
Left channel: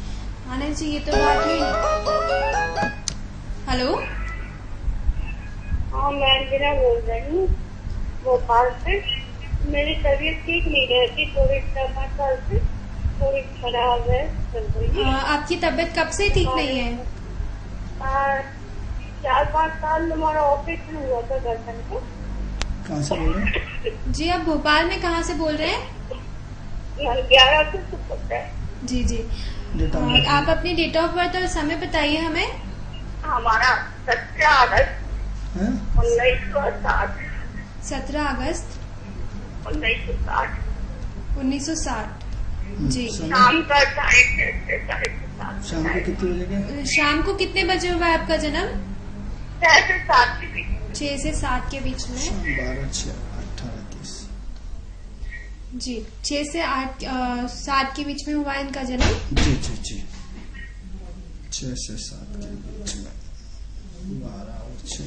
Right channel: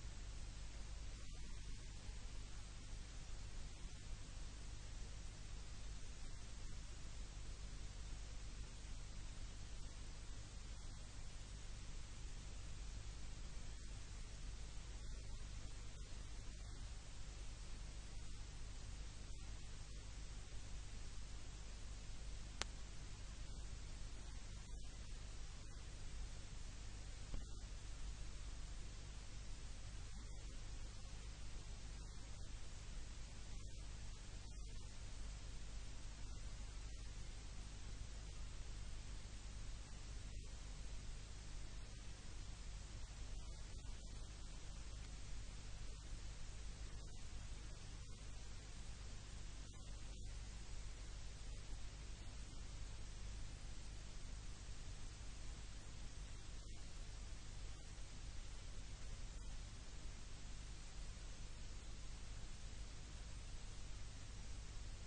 आनंद जी, ये तो बात हुई। हेलो, हाँ मैं अंजना बोल रही हूँ भोपाल से। मेरी तबीयत ठीक नहीं रहती, थोड़ी 4-5 साल से थोड़ी खराब है, चल रही है। आपकी तबीयत कब से ठीक नहीं है? 4-5 साल हमारा ऑपरेशन हुआ था गर्दन को। कहाँ से बोल रहे हैं? जी, आप भोपाल में कहाँ से बोल रहे हैं? 11 से पता है। जी जी, आप अपनी डेट ऑफ बर्थ और समय बताइए हमें। हमारा 17 अगस्त 1960। 17 अगस्त 1960। 1960। जी। शाम का 6:30 शाम को कितने बजे के? शाम को कितने बजे हुआ है आपका जन्म? 6 से 7 के बीच। 6 से 7 के बीच में। 12-6-18-30। जी, 6 से 7 के बीच में हुआ है इनका जन्म। जी जी जी, 6 से 7 के बीच में, 12 और 6।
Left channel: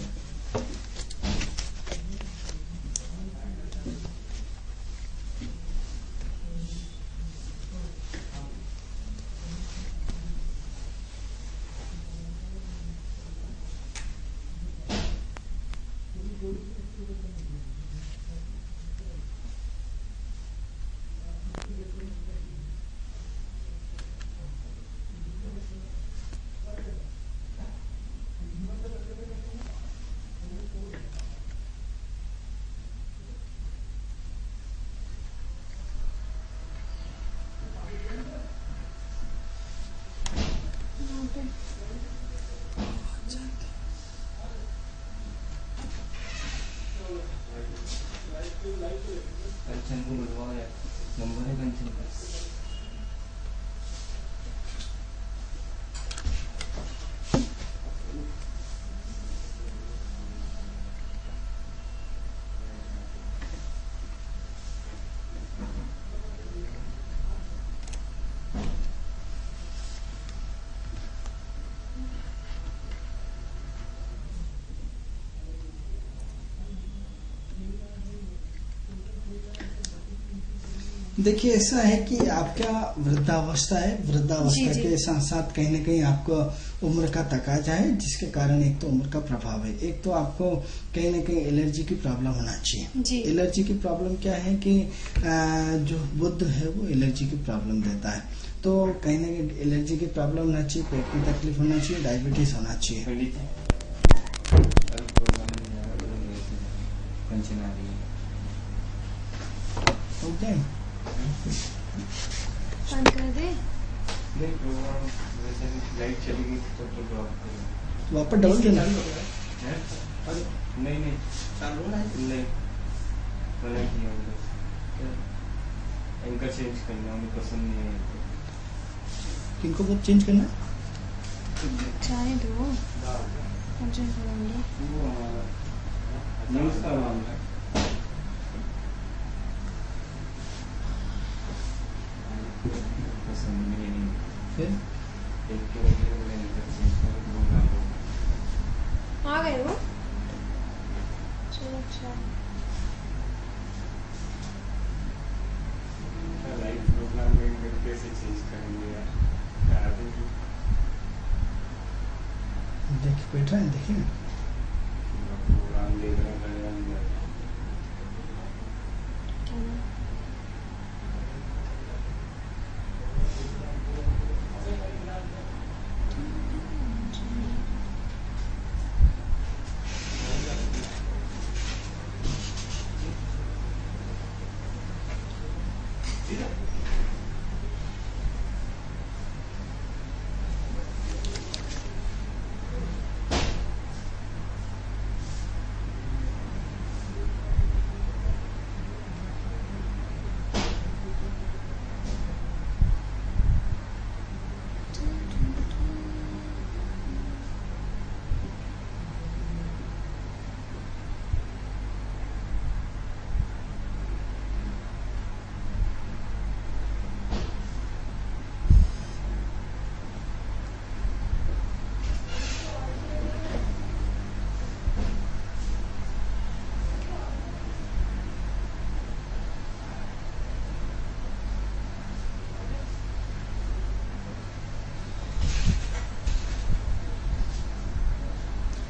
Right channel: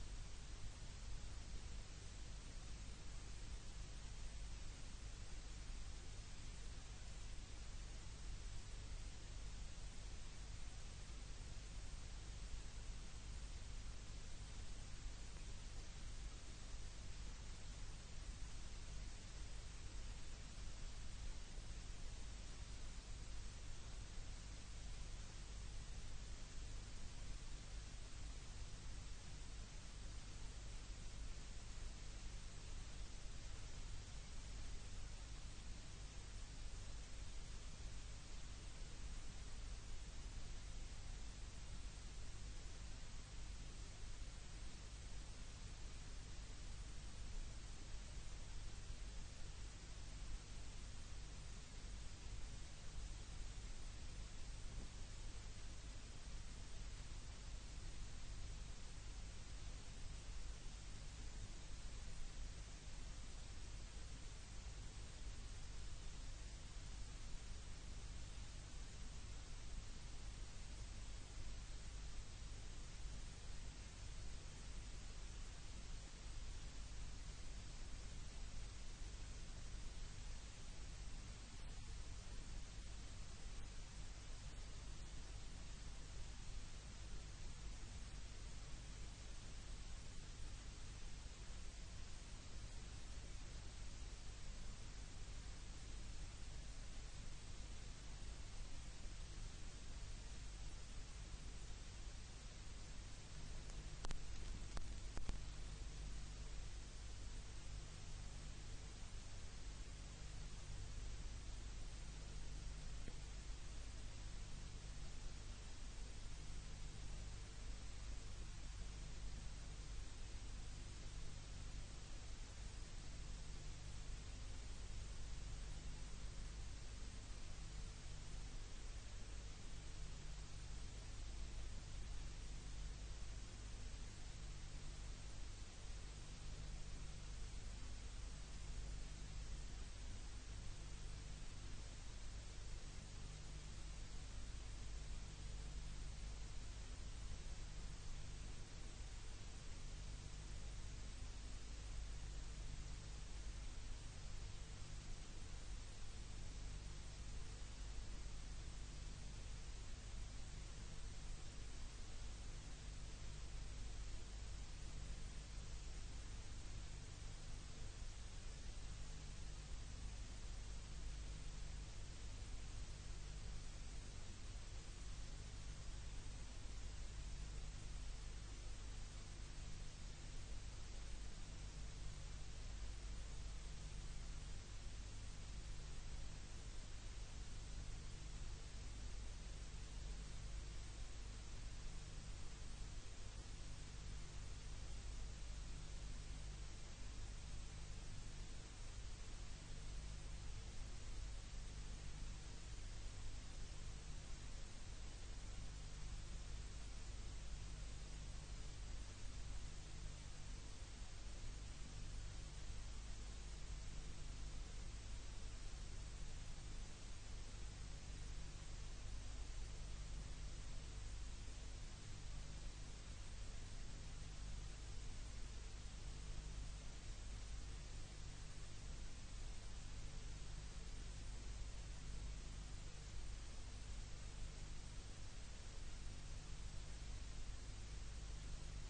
देखिए ऐसा है कि आपका वृद्धावस्था है, वृद्धावस्था के साथ साथ कहीं ना कहीं आपको उम्र का तकाजा है, जिसके कारण एक तो उम्र का प्रभाव है, एक तो आपको कहीं ना कहीं एलर्जी की प्रॉब्लम होना चाहिए। एलर्जी की प्रॉब्लम क्या है कि जो बुध है वो एलर्जी की प्रॉब्लम देता है, तो कहीं ना कहीं एलर्जी की प्रॉब्लम होना चाहिए, पेट की तकलीफ होना चाहिए, डायबिटीज होना चाहिए। ओके, बंद कर दे। लाइट चली गई तो वापस डबल देना। नहीं चालू है नहीं इनका चेंज करना मुझे पसंद नहीं है। किनको बहुत चेंज करना है? चाहे दो मुझे करेंगे। वो हमारा न्यूज़ का मामला है। पसंद नहीं है। फिर एक के वजह से इनका चेंज कर दूंगा। आ गए वो? चलो अच्छा। लाइफ प्रोग्राम में इनका कैसे चेंज करेंगे यार? क्या देंगे? देखिए बैठा है, देखिए ना। प्रोग्राम देख रहे हैं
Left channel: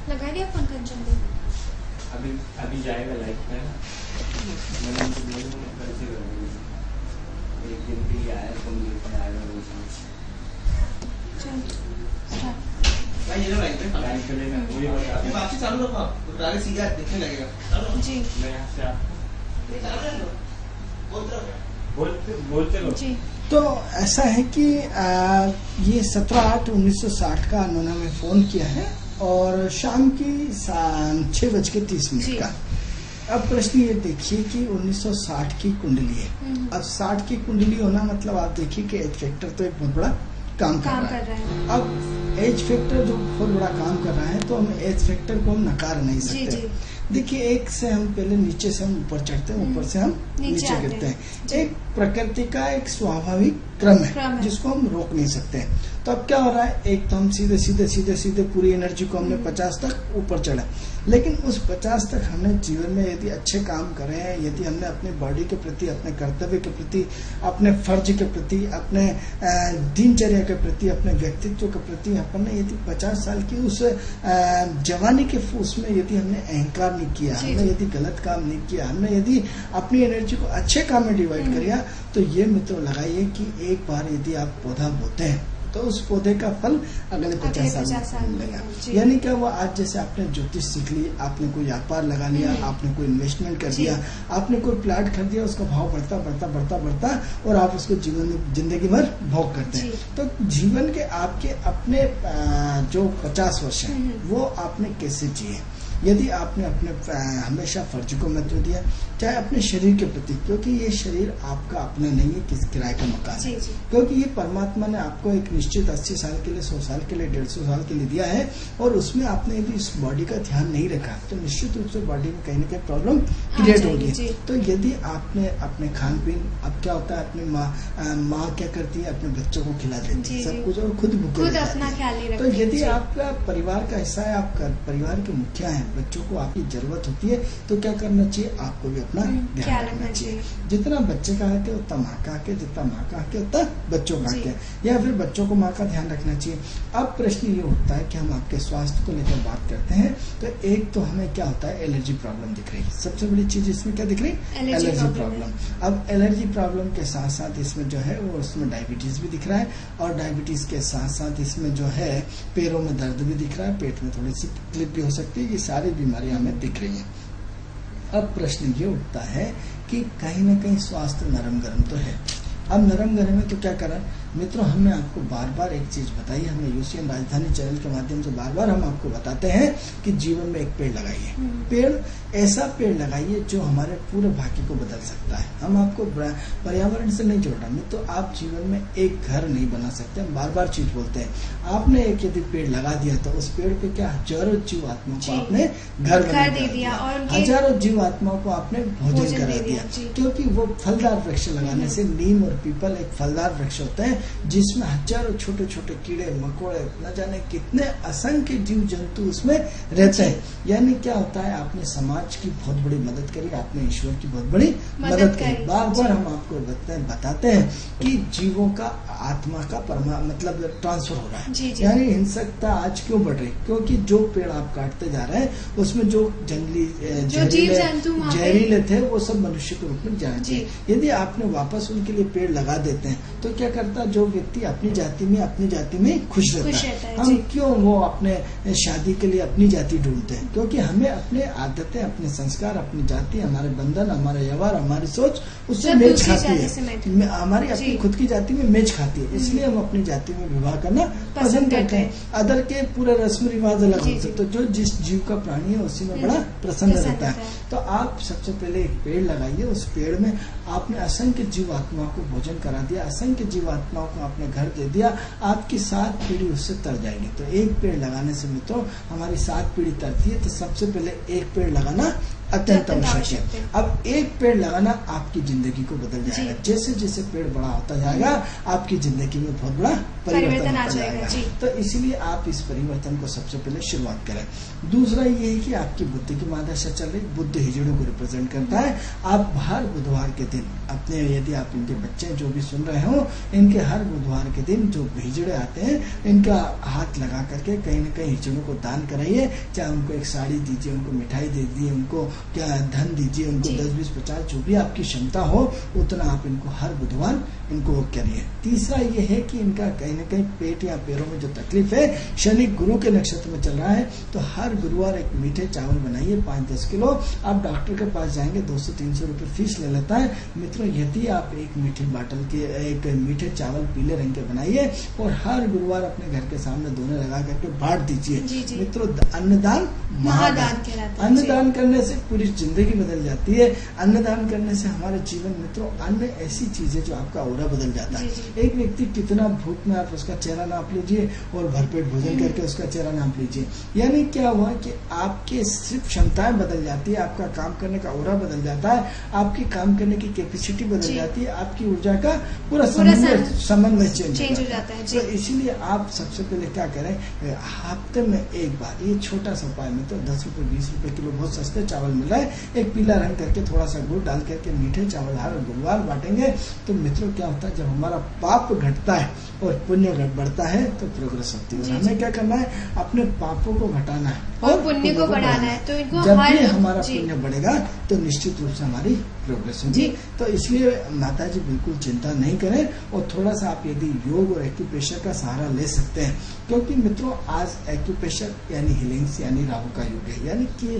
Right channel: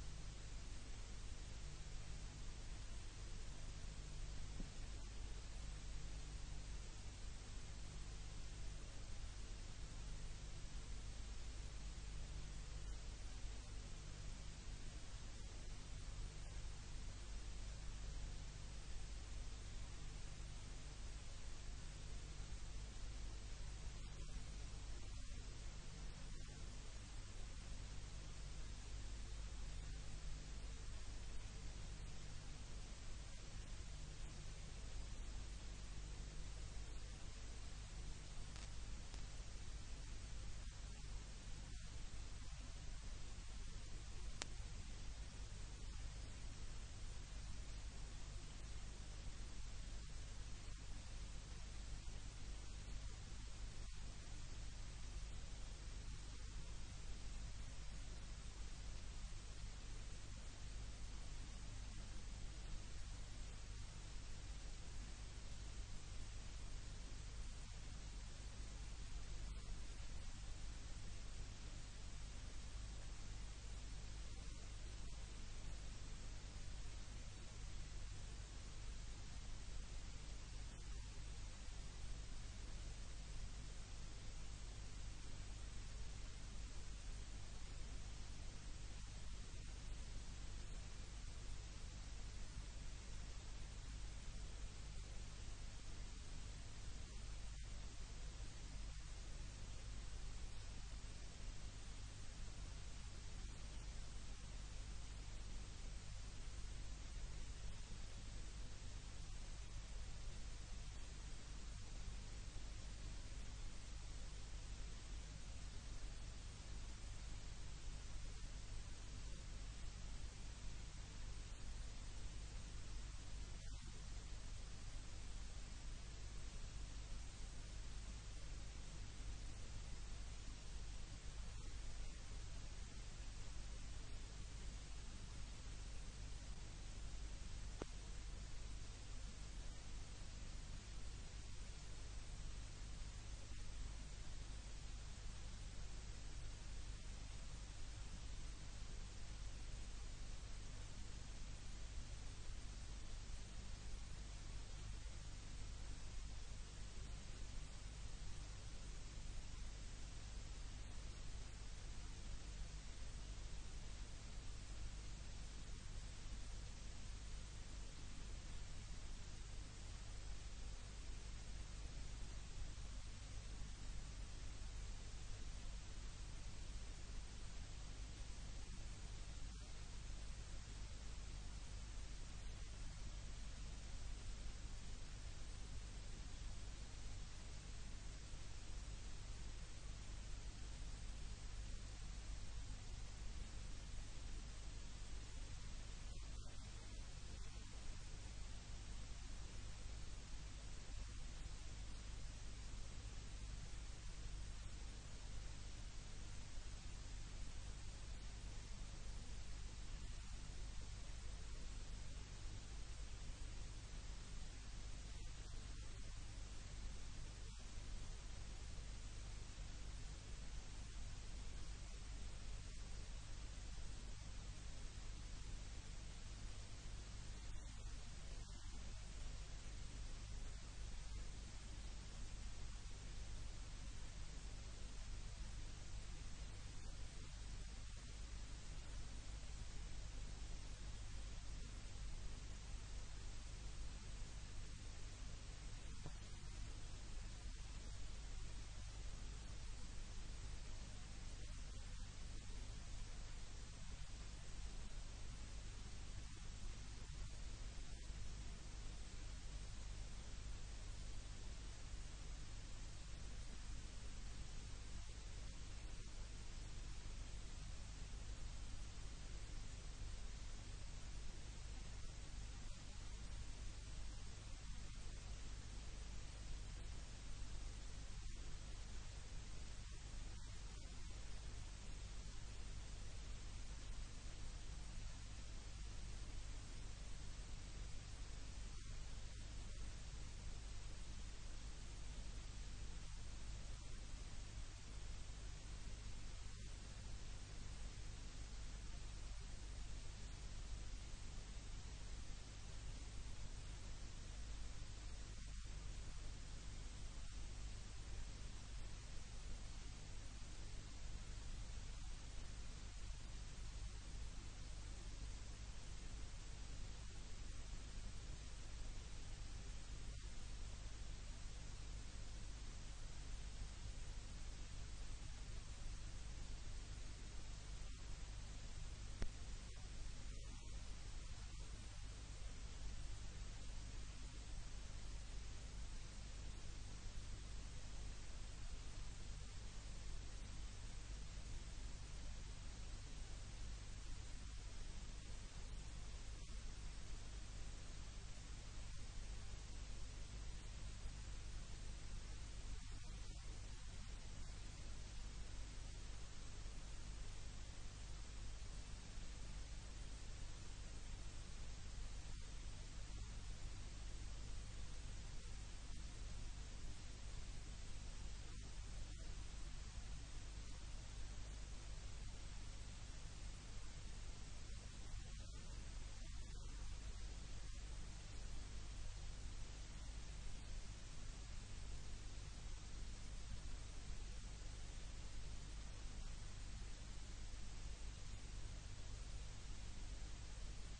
लगा दिया फोन कंचन दे। अभी जाएगा लाइफ में। मैंने उनको बोला कल से करूँगी। एक दिन के लिए आया तो मुझे पर आएगा वो चल स्टार्ट। भाई ये लो लाइन पे लाइफ चलेगा वही बता ये वापसी चालू रखो आप तो आगे सीधा दिखने लगेगा चालू रखो जी मैं यहाँ से आप ये चालू रख लो बोलते रहो बोलते रहो। जी। तो ऐसा है कि ये 17/8/1960 का उन्होंने हमें फ़ोन किया है और शाम की 6:30 जी। का। अब प्रश्न ये देखिए कि 1960 की कुंडली है। अब 60 की कुंडली होना मतलब आप देखिए कि एज फैक्टर तो एक बहुत बड़ा काम कर रहा है। अब एज फैक्टर जो बहुत बड़ा काम कर रहा है तो हम एज फैक्टर को हम नकार नहीं जी सकते। जी। देखिए एक से हम पहले नीचे से हम ऊपर चढ़ते हैं, ऊपर से हम नीचे आते गिरते हैं। हैं। एक प्रकृति का एक स्वाभाविक क्रम क्रम है है। जिसको हम रोक नहीं सकते हैं। तो अब क्या हो रहा है, एक तो हम सीधे सीधे सीधे सीधे पूरी एनर्जी को हमने 50 तक ऊपर चढ़ा, लेकिन उस 50 तक हमने जीवन में यदि अच्छे काम करे हैं, यदि हमने अपने बॉडी के प्रति, अपने कर्तव्य के प्रति, अपने फर्ज के प्रति, अपने दिनचर्या के प्रति, अपने व्यक्तित्व के प्रति अपने यदि 50 साल की उस जवानी के उसमें यदि हमने अहंकार नहीं किया, हमने यदि गलत काम नहीं किया, हमने यदि अपनी एनर्जी को अच्छे काम में डिवाइड किया, तो ये मित्रों लगाइए कि एक बार यदि आप पौधा बोते हैं तो उस पौधे का फल अगले 50 साल में मिलेगा। यानी क्या, वो आज जैसे आपने ज्योतिष सीख ली, आपने कोई व्यापार लगा लिया, आपने कोई इन्वेस्टमेंट कर दिया, आपने कोई प्लाट खरीद दिया, उसका भाव बढ़ता बढ़ता बढ़ता बढ़ता और आप उसको जीवन में जिंदगी भर भोग करते हैं। तो जीवन के आपके अपने जो 50 वर्ष हैं वो आपने कैसे जिए, यदि आपने अपने हमेशा फर्ज को महत्व दिया, चाहे अपने शरीर के प्रति, क्योंकि ये शरीर आपका अपना नहीं है, किस किराए का मकान है, क्योंकि ये परमात्मा ने आपको एक निश्चित 80 साल के लिए, 100 साल के लिए, 150 साल के लिए दिया है, और उसमें आपने यदि इस बॉडी का ध्यान नहीं रखा तो निश्चित रूप से बॉडी में कहीं ना कहीं प्रॉब्लम क्रिएट होगी। तो यदि आपने अपने खान पीन, अब क्या होता है, अपनी माँ क्या करती है, अपने बच्चों को खिला देती है सब कुछ और खुद भूखे रह जाती है। तो यदि आपका परिवार का हिस्सा है, आप परिवार के मुखिया हैं, बच्चों को आपकी जरूरत होती है, तो क्या करना चाहिए, आपको भी अपना ध्यान रखना चाहिए। जितना बच्चे का हक है उतना माँ का हक है, जितना माँ का हक है उतना बच्चों का हक है, या फिर बच्चों को माँ का ध्यान रखना चाहिए। अब प्रश्न ये होता है कि हम आपके स्वास्थ्य को लेकर बात करते हैं, तो एक तो हमें क्या होता है, एलर्जी प्रॉब्लम दिख रही है। सबसे बड़ी चीज इसमें क्या दिख रही है, एलर्जी प्रॉब्लम। अब एलर्जी प्रॉब्लम के साथ साथ इसमें जो है वो उसमें डायबिटीज भी दिख रहा है, और डायबिटीज के साथ साथ इसमें जो है पैरों में दर्द भी दिख रहा है, पेट में थोड़ी सी तकलीफ भी हो सकती है। ये सारी बीमारियां हमें दिख रही हैं। अब प्रश्न ये उठता है कि कहीं ना कहीं स्वास्थ्य नरम गरम तो है, अब नरम गले में तो क्या करें मित्रों, हमने आपको बार बार एक चीज बताई, हमें यूसीएन राजधानी चैनल के माध्यम से बार बार हम आपको बताते हैं कि जीवन में एक पेड़ लगाइए। पेड़ ऐसा पेड़ लगाइए जो हमारे पूरे भाग्य को बदल सकता है। हम आपको पर्यावरण से नहीं जोड़ रहे मित्रों, आप जीवन में एक घर नहीं बना सकते। हम बार बार चीज बोलते हैं, आपने एक यदि पेड़ लगा दिया तो उस पेड़ पे क्या हजारों जीव आत्माओं को आपने घर बना दे दिया और हजारों जीव आत्माओं को आपने भोजन करा दिया, क्योंकि वो फलदार वृक्ष लगाने से नीम और पीपल एक फलदार वृक्ष होते हैं जिसमें हजारों छोटे छोटे कीड़े मकोड़े न जाने कितने असंख्य जीव जंतु उसमें रहते हैं। यानी क्या होता है, आपने समाज की बहुत बड़ी मदद करी, आपने ईश्वर की बहुत बड़ी मदद करी। बार बार हम आपको बताते हैं कि जीवों का आत्मा का मतलब ट्रांसफर हो रहा है। यानी हिंसकता आज क्यों बढ़ रही, क्योंकि जो पेड़ आप काटते जा रहे हैं उसमें जो जंगली जहरीले थे वो सब मनुष्य के रूप में जाते हैं। यदि आपने वापस उनके लिए पेड़ लगा देते हैं तो क्या करता, जो व्यक्ति अपनी जाति में खुश रहता है। हम क्यों वो अपने शादी के लिए अपनी जाति ढूंढते हैं, क्योंकि हमें अपने आदतें, अपने संस्कार, अपनी जाति, हमारे बंधन, हमारा व्यवहार, हमारी सोच उससे मेच खाती है। हमारी अपनी खुद की जाति में मेच खाती है, इसलिए हम अपनी जाति में विवाह करना पसंद करते हैं। अदर के पूरे रस्म रिवाज अलग होते हैं, तो जो जिस जीव का प्राणी है उसी में बड़ा प्रसन्न रहता है। तो आप सबसे पहले एक पेड़ लगाइए, उस पेड़ में आपने असंख्य जीव आत्माओं को भोजन करा दिया, असंख्य जीव आत्माओं को आपने घर दे दिया, आपकी 7 पीढ़ी उससे तर जाएगी। तो एक पेड़ लगाने से मित्रों हमारी 7 पीढ़ी तरती है। तो सबसे पहले एक पेड़ लगाना अत्यंत आवश्यक है। अब एक पेड़ लगाना आपकी जिंदगी को बदल जाएगा। जैसे जैसे पेड़ बड़ा होता जाएगा आपकी जिंदगी में बहुत बड़ा परिवर्तन आ जाएगा। तो इसीलिए आप इस परिवर्तन को सबसे पहले शुरुआत करें। दूसरा ये है कि आपकी बुद्धि की महादशा चल रही, बुद्ध हिजड़ों को रिप्रेजेंट करता है। आप हर बुधवार के दिन अपने, यदि आप इनके बच्चे जो भी सुन रहे हो, इनके हर बुधवार के दिन जो हिजड़े आते हैं इनका हाथ लगा करके कहीं न कहीं हिजड़ों को दान कराइए। चाहे उनको एक साड़ी दीजिए, उनको मिठाई दे दीजिए, उनको क्या धन दीजिए, उनको 10, 20, 50 जो भी आपकी क्षमता हो उतना आप इनको हर बुधवार इनको करिए। तीसरा ये है कि इनका कहीं न कहीं पेट या पैरों में जो तकलीफ है, शनि गुरु के नक्षत्र में चल रहा है, तो हर गुरुवार एक मीठे चावल बनाइए 5-10 किलो। आप डॉक्टर के पास जाएंगे 200-300 रुपये फीस ले लेता है। मित्रों यदि आप एक मीठी बाटल के एक मीठे चावल पीले रंग के बनाइए और हर गुरुवार अपने घर के सामने दोने लगा करके बांट दीजिए। मित्रों अन्नदान महादान, अन्नदान करने से पूरी जिंदगी बदल जाती है। अन्नदान करने से हमारे जीवन मित्रों अन्न ऐसी चीज है जो आपका औरा बदल जाता है। एक व्यक्ति कितना भूख में, आप उसका चेहरा नाप लीजिए और भरपेट भोजन करके उसका चेहरा नाप लीजिए। यानी क्या हुआ कि आपके सिर्फ क्षमताएं बदल जाती है, आपका काम करने का औरा बदल जाता है, आपकी काम करने की कैपेसिटी बदल जाती है, आपकी ऊर्जा का पूरा समन्वय चेंज हो जाता है। तो इसीलिए आप सबसे पहले क्या करें, हफ्ते में एक बार, ये छोटा सा उपाय में तो 10 रुपए 20 रुपए किलो बहुत सस्ते चावल मिल रहा है, एक पीला रंग करके थोड़ा सा गुड़ डाल करके मीठे चावल हर गुरुवार बांटेंगे। तो मित्रों क्या होता है, जब हमारा पाप घटता है और पुण्य बढ़ता है तो प्रोग्रेस होती है। हमें क्या करना है, अपने पापों को घटाना है और पुण्य को बढ़ाना है। तो इनको जब भी हमारा पुण्य बढ़ेगा तो निश्चित रूप से हमारी प्रोग्रेस होगी। तो इसलिए माता जी बिल्कुल चिंता नहीं करें और थोड़ा सा आप यदि योग और एक्यूप्रेशर का सहारा ले सकते हैं, क्योंकि मित्रों आज एक्यूप्रेशर यानी हीलिंग्स यानी राहु का युग है। यानी कि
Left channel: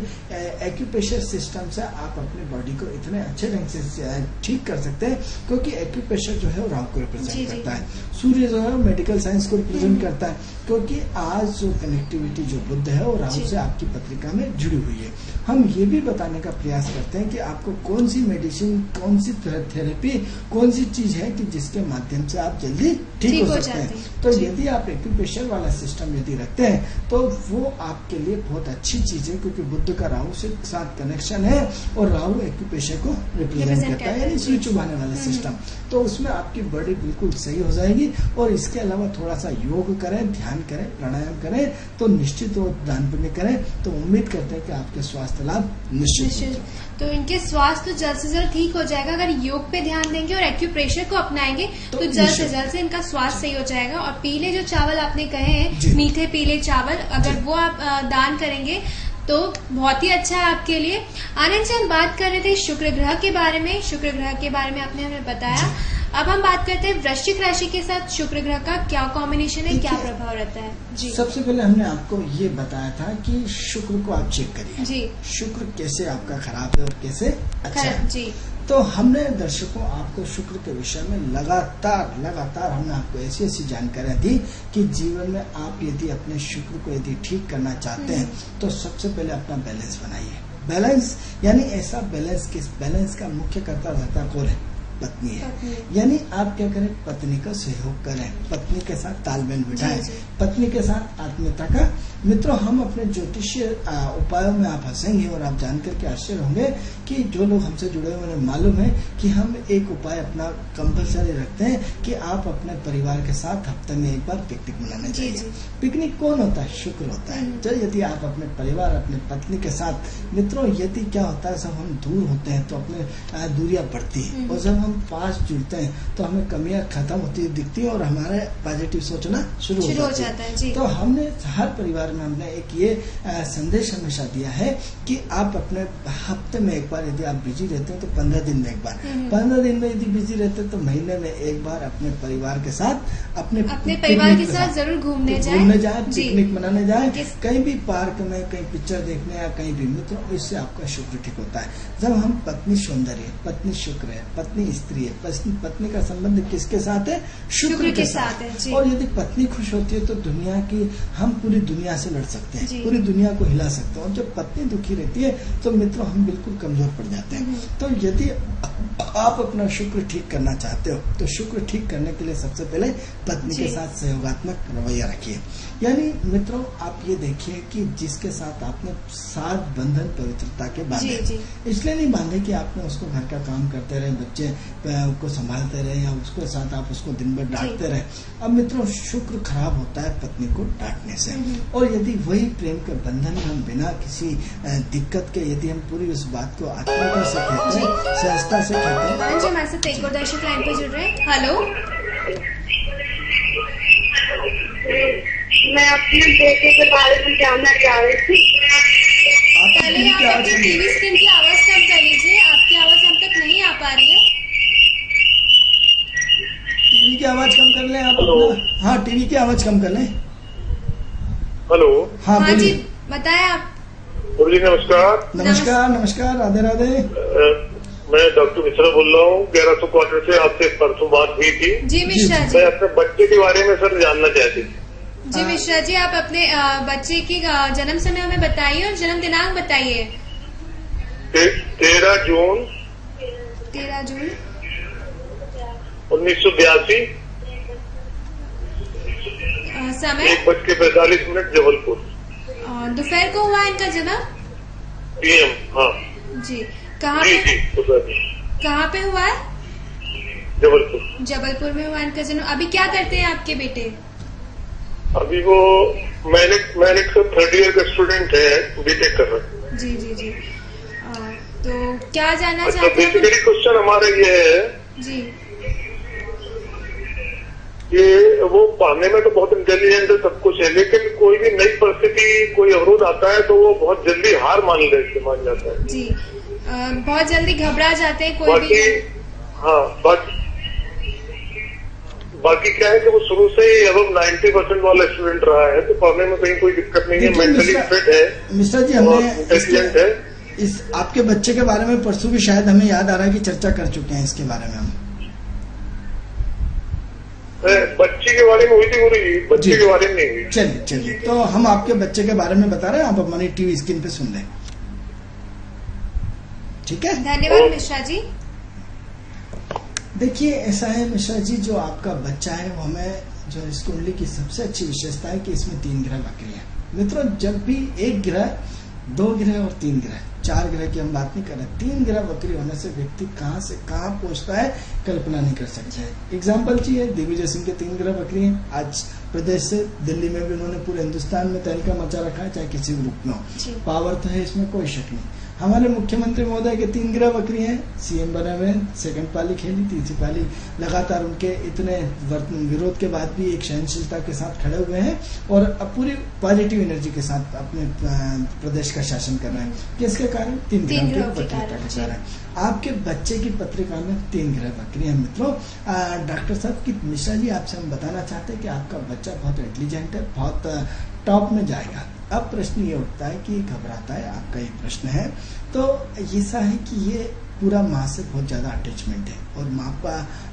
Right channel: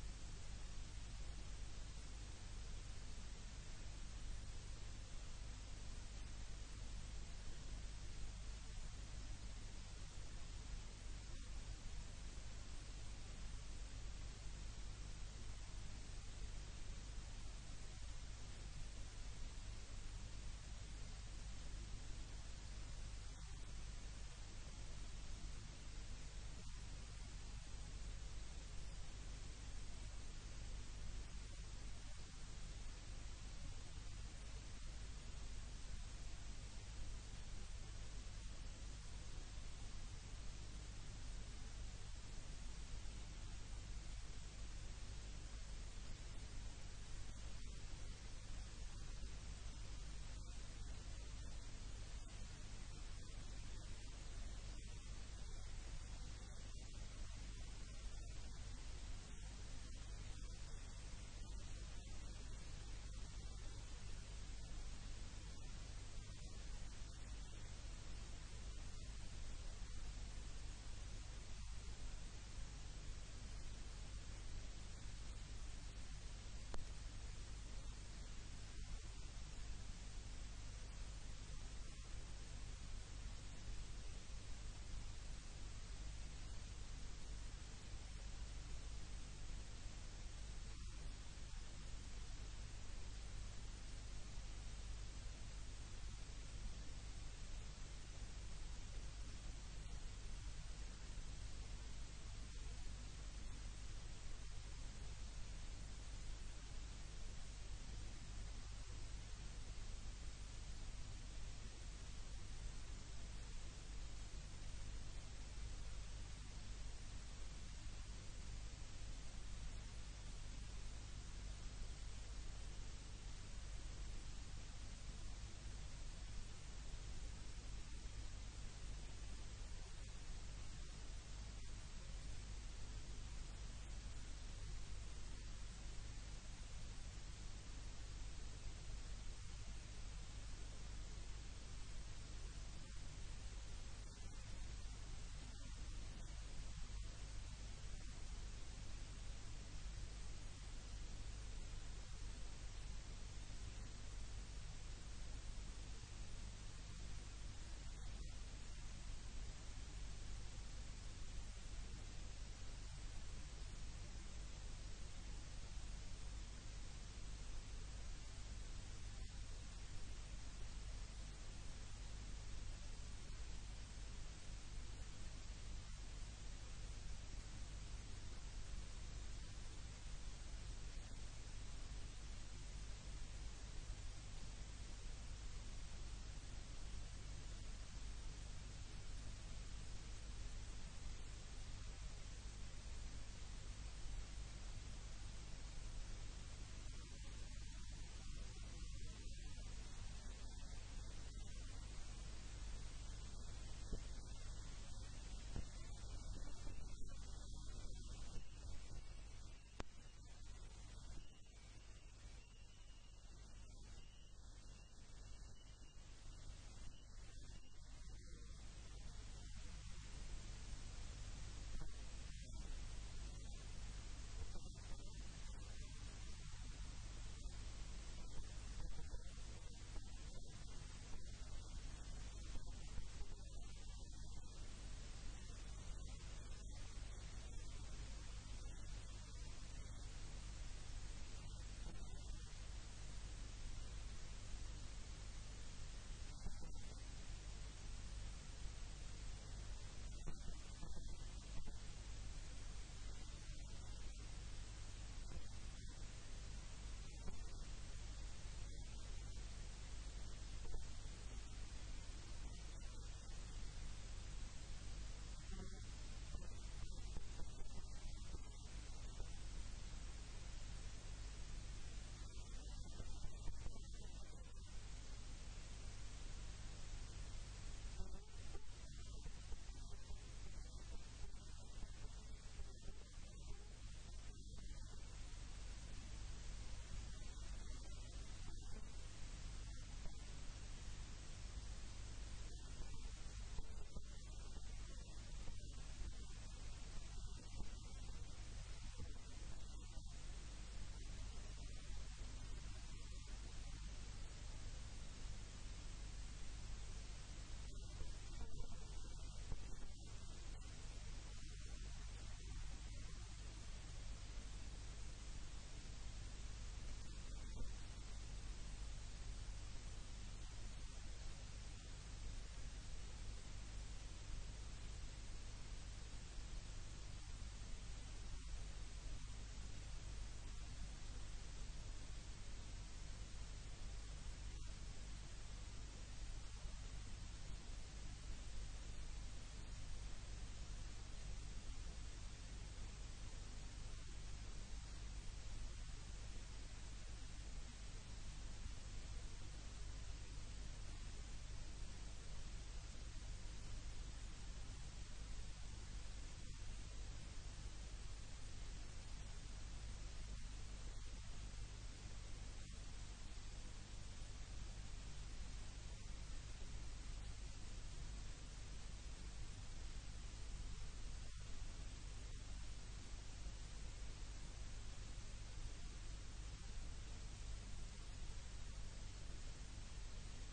एक्यूप्रेशर सिस्टम से आप अपनी बॉडी को इतने अच्छे ढंग से ठीक कर सकते हैं, क्योंकि एक्यूप्रेशर जो है वो राहु को रिप्रेजेंट करता है, सूर्य जो है मेडिकल साइंस को रिप्रेजेंट करता है। क्योंकि आज जो कनेक्टिविटी जो बुद्ध है वो राहु से आपकी पत्रिका में जुड़ी हुई है। हम ये भी बताने का प्रयास करते हैं कि आपको कौन सी मेडिसिन, कौन सी थेरेपी, कौन सी चीज है कि जिसके माध्यम से आप जल्दी ठीक हो सकते हैं। तो यदि आप एक्यूप्रेशर वाला सिस्टम यदि रखते हैं तो वो आपके लिए बहुत अच्छी चीज है, क्योंकि बुद्ध का राहु से साथ कनेक्शन है और राहु एक्यूप्रेशर को रिप्रेजेंट करता है, यानी सुई चुभाने वाला सिस्टम। तो उसमें आपकी बॉडी बिल्कुल सही हो जाएगी। और इसके अलावा थोड़ा सा योग करें, ध्यान करें, प्राणायाम करें, तो निश्चित और दान पुण्य करें, तो उम्मीद करते हैं कि आपके स्वास्थ्य लाभ निश्चित। तो इनके स्वास्थ्य तो जल्द से जल्द ठीक हो जाएगा अगर योग पे ध्यान देंगे और एक्यूप्रेशर को अपनाएंगे तो जल्द से जल्द से इनका स्वास्थ्य सही हो जाएगा। और पीले जो चावल आपने कहे हैं, मीठे पीले चावल, अगर वो आप दान करेंगे तो बहुत ही अच्छा है आपके लिए। आनंद से हम बात कर रहे थे शुक्र ग्रह के बारे में। शुक्र ग्रह के बारे में आपने हमें बताया। अब हम बात करते हैं वृश्चिक राशि के साथ शुक्र ग्रह का क्या कॉम्बिनेशन है, क्या प्रभाव रहता है। जी, सबसे पहले हमने आपको ये बताया था कि शुक्र को आप चेक करिए। जी, शुक्र कैसे आपका खराब है और कैसे अच्छा है। जी, तो हमने दर्शकों आपको शुक्र के विषय में लगातार हमने आपको ऐसी जानकारियां दी कि जीवन में आप यदि अपने शुक्र को यदि ठीक करना चाहते हैं तो सबसे पहले अपना बैलेंस बनाइए। बैलेंस यानी ऐसा बैलेंस, किस बैलेंस का मुख्य कर्ता रहता कौन है? पत्नी है। यानी आप क्या करें? पत्नी का सहयोग करें, पत्नी के साथ तालमेल बिठाएं, पत्नी के साथ आत्मीयता का। मित्रों, हम अपने ज्योतिषीय उपायों में आप हंसेंगे और आप जानकर के आश्चर्य होंगे कि जो लोग हमसे जुड़े हुए उन्हें मालूम है कि हम एक उपाय अपना कंपलसरी रखते हैं कि आप अपने परिवार के साथ हफ्ते में एक बार पिकनिक मनाने जाइए। पिकनिक कौन होता है? शुक्र होता है। तो यदि आप अपने परिवार, अपने पत्नी के साथ, मित्रों यदि क्या होता है, सब हम दूर होते हैं तो अपने दूरियां बढ़ती है, और जब हम पास जुड़ते हैं तो हमें कमियां खत्म होती दिखती है और हमारे पॉजिटिव सोचना शुरू हो जाता है। जी। तो हमने हर परिवार में हमने एक ये संदेश हमेशा दिया है कि आप अपने हफ्ते में एक बार, यदि आप बिजी रहते हैं तो 15 दिन में एक बार, 15 दिन में यदि बिजी रहते हैं तो महीने में एक बार अपने परिवार के साथ अपने परिवार के साथ जरूर घूमने जाए, पिकनिक मनाने जाए, कहीं भी पार्क में, कहीं पिक्चर देखने या कहीं भी। मित्रों, इससे आपका शुक्र ठीक होता है। जब हम पत्नी सौंदर्य, पत्नी शुक्र है, पत्नी स्त्री है, पत्नी का संबंध किसके साथ है? शुक्र के साथ है। और यदि पत्नी खुश होती है तो दुनिया की, हम पूरी दुनिया से लड़ सकते हैं, पूरी दुनिया को हिला सकते हैं। और जब पत्नी दुखी रहती है तो मित्रों हम बिल्कुल कमजोर पड़ जाते हैं। तो यदि आप अपना शुक्र ठीक करना चाहते हो तो शुक्र ठीक करने के लिए सबसे पहले पत्नी के साथ सहयोगात्मक रवैया रखिए। यानी मित्रों, आप ये देखिए कि जिसके साथ आपने साथ बंधन पवित्रता के बांधे, इसलिए नहीं बांधे कि आपने उसको घर का काम करते रहे, बच्चे को संभालते रहे या उसके साथ आप उसको दिन भर डांटते रहे। अब मित्रों, शुक्र खराब होता है पत्नी को डांटने से। और यदि वही प्रेम के बंधन में हम बिना किसी दिक्कत के, यदि हम पूरी उस बात को आत्मीयता से कहते हैं, सहजता से कहते हैं। जी, हमारे साथ एक और दर्शक लाइन पे जुड़ रहे हैं। हेलो, मैं अपने बेटे के बारे में जानना चाह रही थी। पहले आप अपनी टीवी स्क्रीन की आवाज कम कर लीजिए, आपकी आवाज हम तक नहीं आ पा रही है। टीवी की आवाज कम कर लें आप अपना। हाँ, टीवी की आवाज कम कर लें। हेलो। हाँ जी, बताएं आप। जी नमस्कार। नमस्कार, राधे राधे। मैं डॉक्टर मिश्रा बोल रहा हूँ, 1100 क्वार्टर से। आपसे परसों बात हुई थी। जी मिश्रा जी। मैं अपने बच्चे के बारे में सर जानना चाहती थी। जी मिश्रा जी, आप अपने बच्चे की जन्म समय हमें बताइए और जन्म दिनांक बताइए। 13 जून 1982, समय 1:45 जबलपुर। दोपहर को हुआ इनका जन्म? PM। हाँ जी। कहाँ पे हुआ है? जबलपुर में हुआ इनका जन्म। अभी क्या करते हैं आपके बेटे? अभी वो मैंने 3rd ईयर का स्टूडेंट है, बीटेक कर रहा है। जी। तो क्या जानना चाहते हैं? बेसिकली क्वेश्चन हमारा ये है जी कि वो पढ़ने में तो बहुत इंटेलिजेंट है, सब कुछ है, लेकिन कोई भी नई परिस्थिति, कोई अवरोध आता है तो वो बहुत जल्दी हार मान जाता है। जी, बहुत जल्दी घबरा जाते हैं कोई भी। हाँ, बाकी क्या है कि वो शुरू से ही अब 90% वाला स्टूडेंट रहा है, तो पढ़ने में कहीं कोई दिक्कत नहीं है, मेंटली फिट है। मिश्रा जी, हमने इंटेलिजेंट है। इस आपके बच्चे के बारे में परसों भी शायद हमें याद आ रहा है कि चर्चा कर चुके हैं इसके बारे में हम। बच्चे के बारे में हुई थी पूरी, बच्चे के बारे में नहीं हुई। चलिए, तो हम आपके बच्चे के बारे में बता रहे हैं, आप हमारी टीवी स्क्रीन पे सुन लें। ठीक है, धन्यवाद मिश्रा जी। देखिए, ऐसा है मिश्रा जी, जो आपका बच्चा है वो हमें, जो इस कुंडली की सबसे अच्छी विशेषता है कि इसमें 3 ग्रह वक्री है। मित्रों, जब भी 1 ग्रह, 2 ग्रह और 3 ग्रह, 4 ग्रह की हम बात नहीं कर रहे, 3 ग्रह वक्री होने से व्यक्ति कहाँ से कहाँ पहुंचता है कल्पना नहीं कर सकते हैं। एग्जाम्पल चाहिए, दिग्विजय सिंह के 3 ग्रह वक्री हैं। आज प्रदेश से दिल्ली में भी उन्होंने पूरे हिंदुस्तान में तहलका मचा रखा है, चाहे किसी भी रूप में हो। पावर तो है, इसमें कोई शक नहीं। हमारे मुख्यमंत्री महोदय के 3 ग्रह वक्री हैं, CM बने हुए, 2nd पाली खेली, 3री पाली लगातार उनके इतने विरोध के बाद भी एक सहनशीलता के साथ खड़े हुए हैं और अब पूरी पॉजिटिव एनर्जी के साथ अपने प्रदेश का शासन कर रहे हैं। किसके कारण? 3 ग्रह की वक्रीता के कारण। आपके बच्चे की पत्रिका में 3 ग्रह वक्री है। मित्रों, डॉक्टर साहब की मिश्रा जी, आपसे हम बताना चाहते हैं कि आपका बच्चा बहुत इंटेलिजेंट है, बहुत टॉप में जाएगा। अब प्रश्न ये उठता है कि घबराता है, आपका ये प्रश्न है। तो ऐसा है कि ये पूरा माँ से बहुत ज्यादा अटैचमेंट है और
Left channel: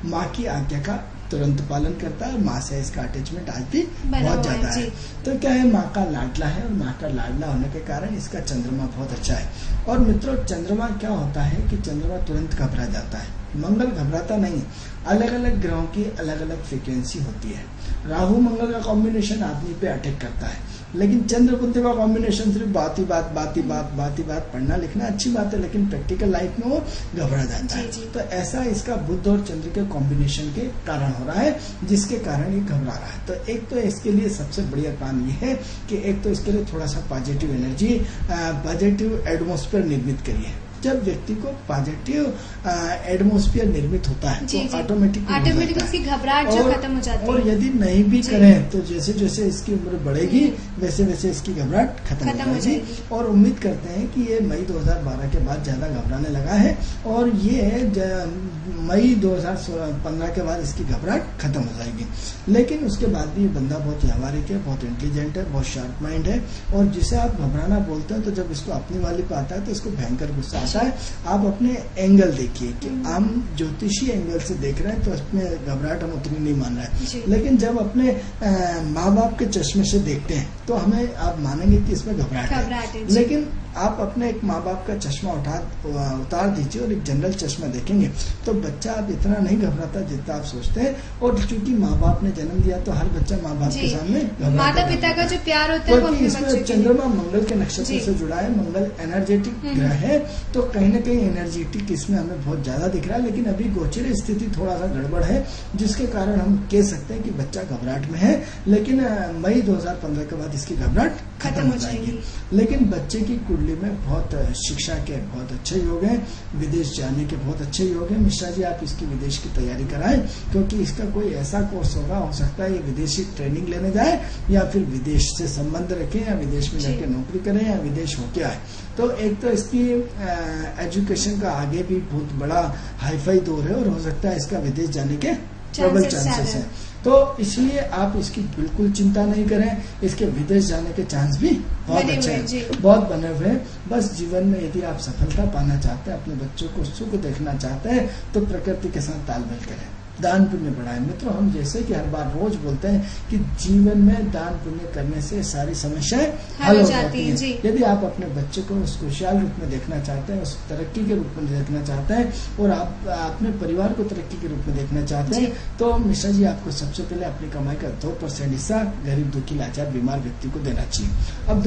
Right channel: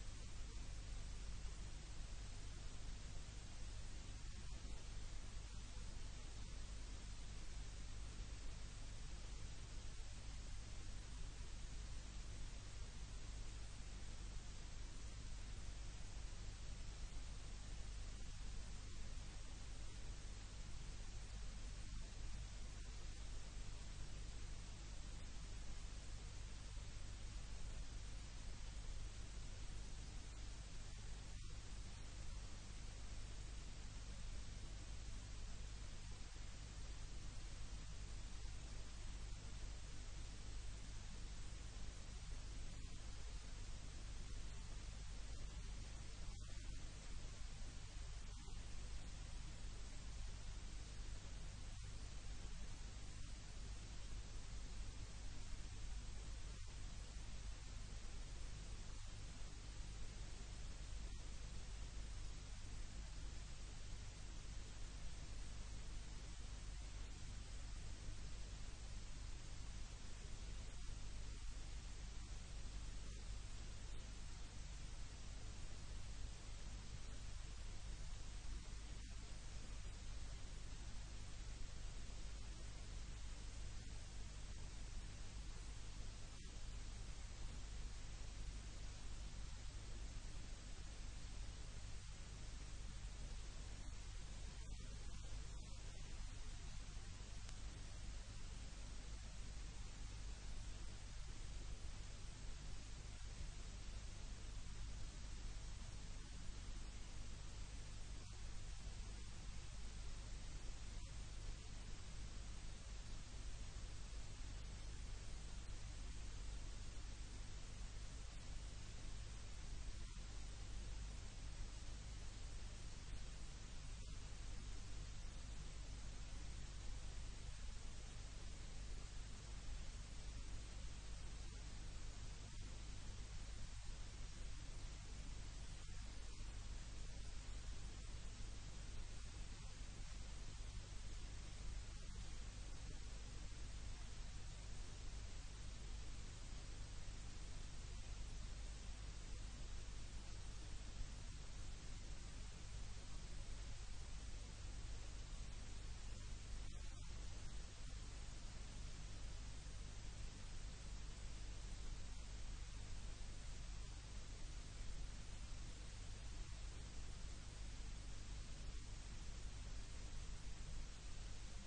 माँ की आज्ञा का तुरंत पालन करता है और माँ से इसका अटैचमेंट आज भी बहुत ज्यादा है। तो क्या है, माँ का लाडला है और माँ का लाडला होने के कारण इसका चंद्रमा बहुत अच्छा है। और मित्रों, चंद्रमा क्या होता है कि चंद्रमा तुरंत घबरा जाता है, मंगल घबराता नहीं। अलग अलग ग्रहों की अलग अलग फ्रीक्वेंसी होती है। राहु मंगल का कॉम्बिनेशन आदमी पे अटैक करता है, लेकिन चंद्र बुध का कॉम्बिनेशन सिर्फ बात ही बात पढ़ना लिखना अच्छी बात है, लेकिन प्रैक्टिकल लाइफ में वो घबरा जाता है। तो ऐसा इसका बुध और चंद्र के कॉम्बिनेशन के कारण हो रहा है, जिसके कारण ये घबरा रहा है। तो एक तो इसके लिए सबसे बढ़िया काम ये है कि एक तो इसके लिए थोड़ा सा पॉजिटिव एनर्जी, पॉजिटिव एटमॉस्फेयर निर्मित करिए। जब व्यक्ति को पॉजिटिव एटमॉस्फेयर निर्मित होता है तो ऑटोमेटिक उसकी घबराहट जो खत्म हो जाती है। और यदि नहीं भी करें तो जैसे जैसे इसकी उम्र बढ़ेगी वैसे वैसे इसकी घबराहट खत्म हो जाएगी। और उम्मीद करते हैं कि ये मई 2012 के बाद ज्यादा घबराने लगा है और ये मई 2015 के बाद इसकी घबराहट खत्म हो जाएगी। लेकिन उसके बाद भी ये बंदा बहुत व्यावहारिक है, बहुत इंटेलिजेंट है, बहुत शार्प माइंड है। और जिसे आप घबराना बोलते हैं तो जब इसको अपनी वाली पे आता है तो इसको भयंकर गुस्सा आता है। आप अपने एंगल देखिए कि हम ज्योतिषी एंगल से देख रहे हैं तो उसमें घबराहट हम उतनी नहीं मान रहे हैं, लेकिन जब अपने माँ बाप के चश्मे से देखते हैं तो हमें आप मानेंगे कि इसमें घबराहट है। लेकिन आप अपने एक माँ बाप का चश्मा उतार दीजिए और एक जनरल चश्मा देखेंगे तो बच्चा आप इतना नहीं घबराता जितना आप सोचते हैं। और चूंकि माँ बाप ने जन्म दिया तो हर बच्चा माँ बाप के सामने माता पिता का जो प्यार होता है वो अपने बच्चे इसमें चंद्रमा मंगल के नक्षत्र से जुड़ा है। मंगल एनर्जेटिक ग्रह है तो कहीं न कहीं एनर्जेटिक इसमें हमें बहुत ज्यादा दिख रहा है। लेकिन अभी गोचर स्थिति थोड़ा सा गड़बड़ है, जिसके कारण हम कह सकते हैं कि बच्चा घबराहट में है। लेकिन मई 2015 के बाद इसकी घबराहट खत्म हो जाएगी। लेकिन बच्चे की कुंडली में बहुत शिक्षा के बहुत अच्छे योग हैं, विदेश जाने के बहुत अच्छे योग हैं। मिश्रा जी, आप इसकी विदेश की तैयारी कराएं, क्योंकि इसका कोई ऐसा कोर्स होगा, हो सकता है ये विदेशी ट्रेनिंग लेने जाए या फिर विदेश से संबंध रखें या विदेश में जाके नौकरी करें या विदेश होके आए। तो एक तो इसकी एजुकेशन का आगे भी बहुत बड़ा हाईफाई दौर है और हो सकता है इसका विदेश जाने के प्रबल चांसेस है। तो इसलिए आप इसकी बिल्कुल चिंता नहीं करें, इसके विदेश जाने के चांस भी बहुत अच्छे हैं, बहुत बने हुए हैं। बस जीवन में यदि आप सफलता पाना चाहते हैं, अपने बच्चों को सुख देखना चाहते हैं तो प्रकृति के साथ तालमेल करें, दान पुण्य बढ़ाएं। मित्रों, हम जैसे कि हर बार रोज बोलते हैं कि जीवन में दान पुण्य करने से सारी समस्याएं हल हो जाती हैं। यदि आप अपने बच्चे को उस खुशहाल रूप में देखना चाहते हैं, उस तरक्की के रूप में देखना चाहते हैं और आप अपने परिवार को तरक्की के रूप में देखना चाहते हैं तो मिश्रा जी आपको सबसे पहले अपनी कमाई का 2% हिस्सा गरीब दुखी लाचार बीमार व्यक्ति को देना चाहिए। अब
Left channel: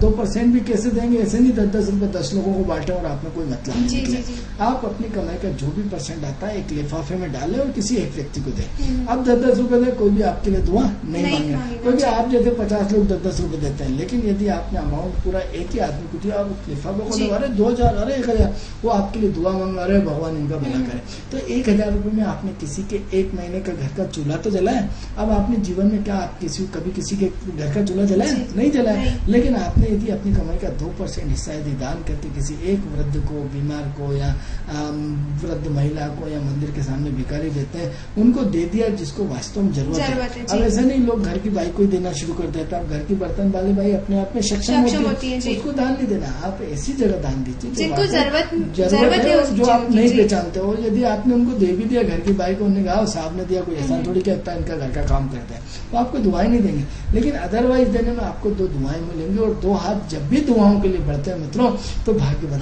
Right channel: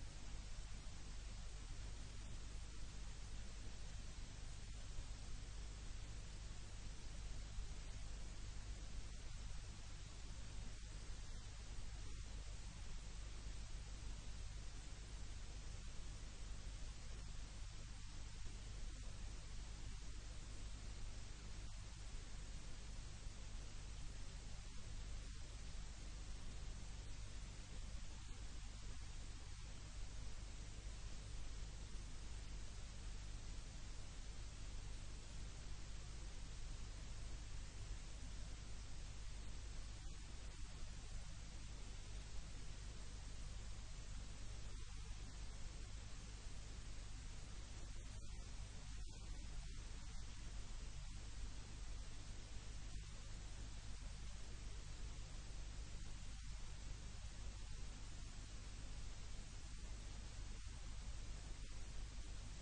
2% भी कैसे देंगे? ऐसे नहीं 10 रुपए 10 लोगों को बांटे और आपने कोई मतलब नहीं। आप अपनी कमाई का जो भी % आता है एक लिफाफे में डालें और किसी एक व्यक्ति को दे। अब 10-10 रुपए दे, कोई भी आपके लिए दुआ नहीं मांगे, क्योंकि आप जैसे 50 लोग 10-10 रुपए देते हैं। लेकिन यदि आपने अमाउंट पूरा एक ही आदमी को दिया, आप लिफाफे को दे, अरे 2000 अरे 1000, वो आपके लिए दुआ मांग रहे, भगवान इनका भला करे। तो 1000 रुपए में आपने किसी के 1 महीने का घर का चूल्हा तो जलाया। अब आपने जीवन में क्या आप कभी किसी के घर का चूल्हा जलाया? नहीं जलाया। लेकिन आपने यदि अपनी कमाई का 2% हिस्सा यदि दान करके किसी एक वृद्ध को, बीमार को या वृद्ध महिला को या मंदिर के सामने भिखारी देते हैं उनको दे दिया जिसको वास्तव में जरूरत है। अब ऐसा नहीं लोग घर की बाई को ही देना शुरू कर देते हैं। घर की बर्तन वाली बाई अपने आप में सक्षम होती है, उसको दान नहीं देना। आप ऐसी जगह दान दीजिए जिनको जरूरत है, जो आप नहीं पहचानते हो। यदि आपने उनको दे भी दिया घर की बाई को, उन्होंने कहा साहब ने दिया, कोई ऐसा थोड़ी कहता है इनका घर का काम करता है, तो आपको दुआएं नहीं देंगे। लेकिन अदरवाइज देने में आपको 2 दुआएं मिलेंगी और 2 हाथ जब भी दुआओं के लिए बढ़ते हैं मित्रों तो भाग्य बदल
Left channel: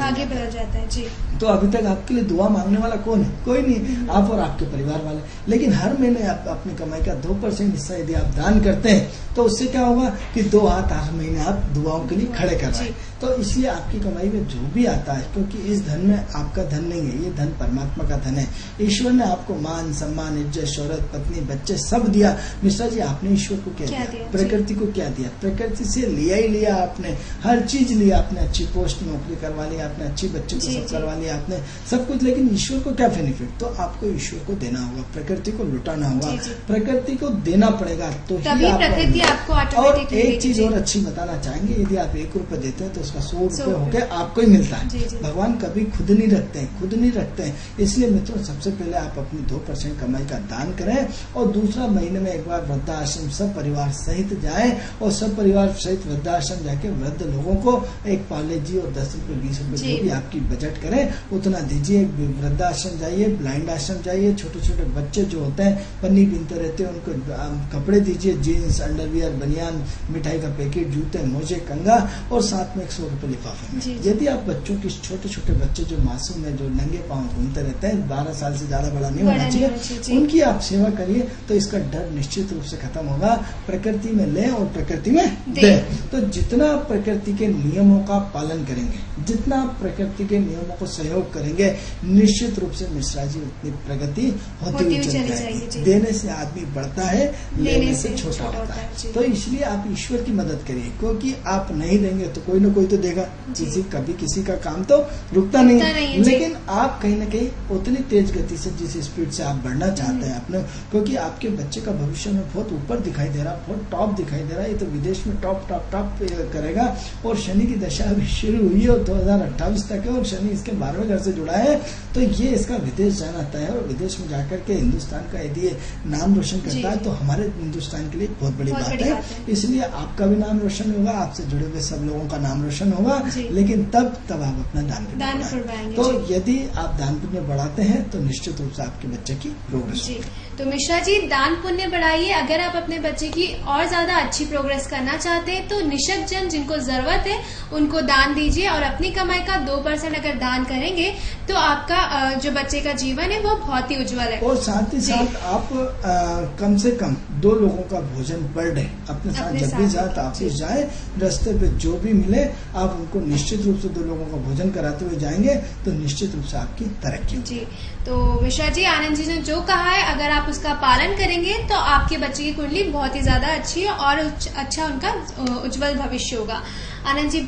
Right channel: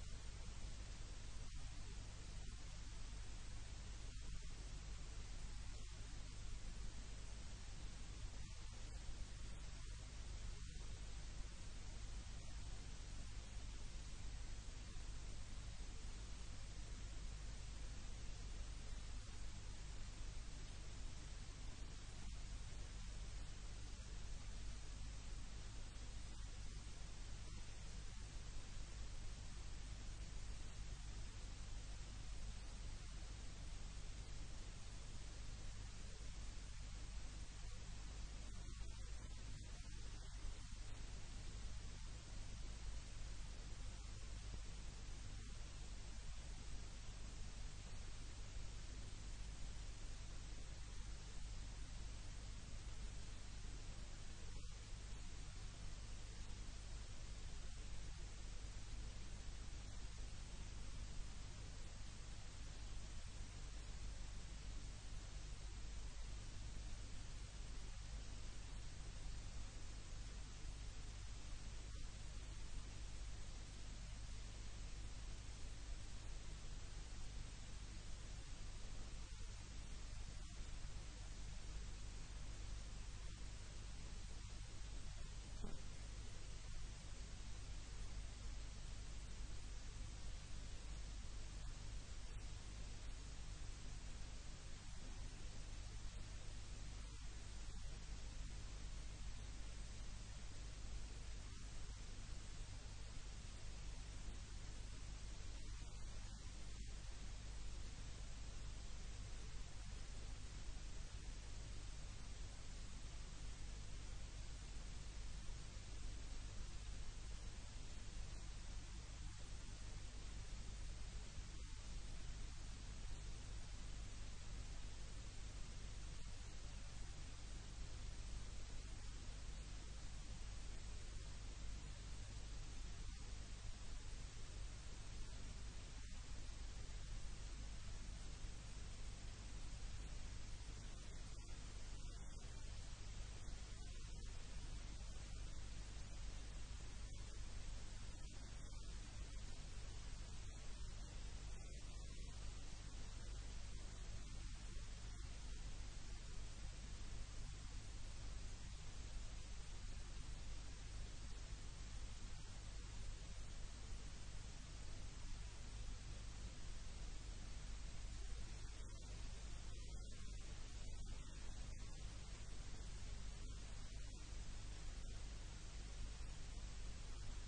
जाता है। जी, तो अभी तक आपके लिए दुआ मांगने वाला कौन है? कोई नहीं, आप और आपके परिवार वाले। लेकिन हर महीने आप अपनी कमाई का 2% हिस्सा यदि आप दान करते हैं तो उससे क्या होगा कि 2 हाथ हर महीने आप दुआओं के लिए खड़े कर रहे हैं। तो इसलिए आपकी कमाई में जो भी आता है, क्योंकि इस धन में आपका धन नहीं है, ये धन परमात्मा का धन है। ईश्वर ने आपको मान सम्मान इज्जत शोहरत पत्नी बच्चे सब दिया। मिश्रा जी, आपने ईश्वर को क्या दिया? प्रकृति को क्या दिया? प्रकृति से लिया ही लिया आपने, हर चीज लिया आपने। अच्छी पोस्ट नौकरी करवा लिया आपने, अच्छी बच्चे को सब करवा लिया आपने, सब कुछ। लेकिन ईश्वर को क्या बेनिफिट? तो आपको ईश्वर को देना होगा, प्रकृति को लुटाना होगा, जी, जी। प्रकृति को देना पड़ेगा तो तभी ही प्रकृति आपको और ऑटोमेटिक एक चीज और अच्छी बताना चाहेंगे, यदि आप 1 रुपए देते हैं तो उसका 100 रुपए 100 होके आपको ही मिलता जी, है। जी। भगवान कभी खुद नहीं रखते हैं, खुद नहीं रखते हैं। इसलिए मित्रों, सबसे पहले आप अपनी 2% कमाई का दान करें और दूसरा महीने में एक बार वृद्धाश्रम सब परिवार सहित जाए और सब परिवार सहित वृद्धाश्रम जाके वृद्ध लोगों को एक पाले जी और 10 रुपए 20 रुपए जी। जो भी आपकी बजट करें उतना दीजिए। वृद्धाश्रम जाइए, ब्लाइंड आश्रम जाइए, छोटे छोटे बच्चे जो होते हैं पन्नी बीनते रहते हैं उनको कपड़े दीजिए, जीन्स, अंडरवियर, बनियान, मिठाई का पैकेट, जूते, मोजे, कंगा और साथ में 100 रुपए लिफाफे में। जी, जी। यदि आप बच्चों की छोटे छोटे बच्चे जो मासूम है, जो नंगे पांव घूमते रहते हैं, 12 साल से ज्यादा बड़ा नहीं बड़ा होना नहीं चाहिए, होना चाहिए, जी। उनकी आप सेवा करिए तो इसका डर निश्चित रूप से खत्म होगा। प्रकृति में लें और प्रकृति में दें। तो जितना आप प्रकृति के नियमों का पालन करेंगे, जितना आप प्रकृति के नियमों को सहयोग करेंगे, निश्चित रूप से मिश्रा जी उतनी प्रगति होती हुई चली जाएगी। जी। देने से आदमी बढ़ता है, लेने से छोटा छोटा होता है। जी। तो इसलिए आप ईश्वर की मदद करिए, क्योंकि आप नहीं देंगे तो कोई ना कोई तो देगा। जी। कभी किसी का काम तो रुकता नहीं नहीं है, जी। लेकिन आप कहीं ना कहीं उतनी तेज गति से, जिस स्पीड से आप बढ़ना चाहते हैं अपने, क्योंकि आपके बच्चे का भविष्य में बहुत ऊपर दिखाई दे रहा, बहुत टॉप दिखाई दे रहा है। ये तो विदेश में टॉप टॉप टॉप करेगा और शनि की दशा अभी शुरू हुई है और 2028 तक है और शनि इसके 12वें घर से जुड़ा है। तो ये इसका विदेश जाना तय है और विदेश में जाकर के हिंदुस्तान का यदि ये नाम रोशन करता है तो हमारे हिंदुस्तान के लिए बहुत बड़ी बात है। इसलिए आपका भी नाम रोशन होगा, आपसे जुड़े हुए सब लोगों का नाम रोशन होगा। लेकिन तब आप अपना दान बढ़ाएंगे। तो यदि आप दान पुण्य बढ़ाते हैं तो निश्चित रूप से आपके बच्चे की प्रोग्रेस जी। तो मिश्रा जी, दान पुण्य बढ़ाइए। अगर आप अपने बच्चे की और ज्यादा अच्छी प्रोग्रेस करना चाहते हैं तो निशक्त जन जिनको जरूरत है उनको दान दीजिए और अपनी कमाई का 2% अगर दान करेंगे तो आपका जो बच्चे का जीवन है वो बहुत ही उज्जवल है। और साथ ही साथ आप कम से कम 2 लोगों का भोजन पर डे अपने साथ जब भी जाए ऑफिस जाए, रास्ते पे जो भी मिले आप उनको निश्चित रूप से 2 लोगों का भोजन कराते हुए जाएंगे तो निश्चित रूप से आपकी तरक्की जी। तो मिश्रा जी, आनंद जी ने जो कहा है अगर आप उसका पालन करेंगे तो आपके बच्चे की कुंडली बहुत ही ज्यादा अच्छी है और अच्छा उनका उज्जवल भविष्य होगा। आनंद जी,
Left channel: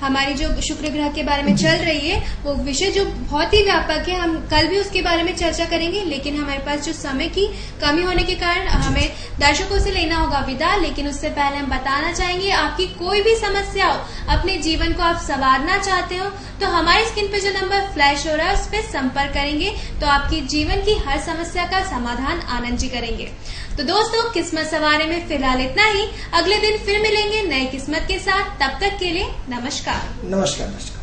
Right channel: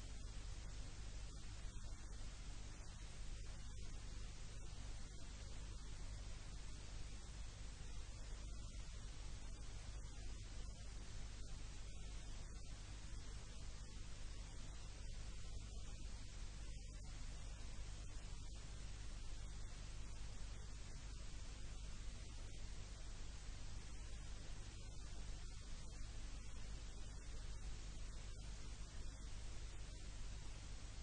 हमारी जो शुक्र ग्रह के बारे में चल रही है वो विषय जो बहुत ही व्यापक है, हम कल भी उसके बारे में चर्चा करेंगे, लेकिन हमारे पास जो समय की कमी होने के कारण हमें दर्शकों से लेना होगा विदा। लेकिन उससे पहले हम बताना चाहेंगे, आपकी कोई भी समस्या हो, अपने जीवन को आप संवारना चाहते हो तो हमारे स्क्रीन पे जो नंबर फ्लैश हो रहा है उस पर संपर्क करेंगे तो आपकी जीवन की हर समस्या का समाधान आनंद जी करेंगे। तो दोस्तों, किस्मत सवारे में फिलहाल इतना ही। अगले दिन फिर मिलेंगे नई किस्मत के साथ। तब तक के लिए नमस्कार। नमस्कार।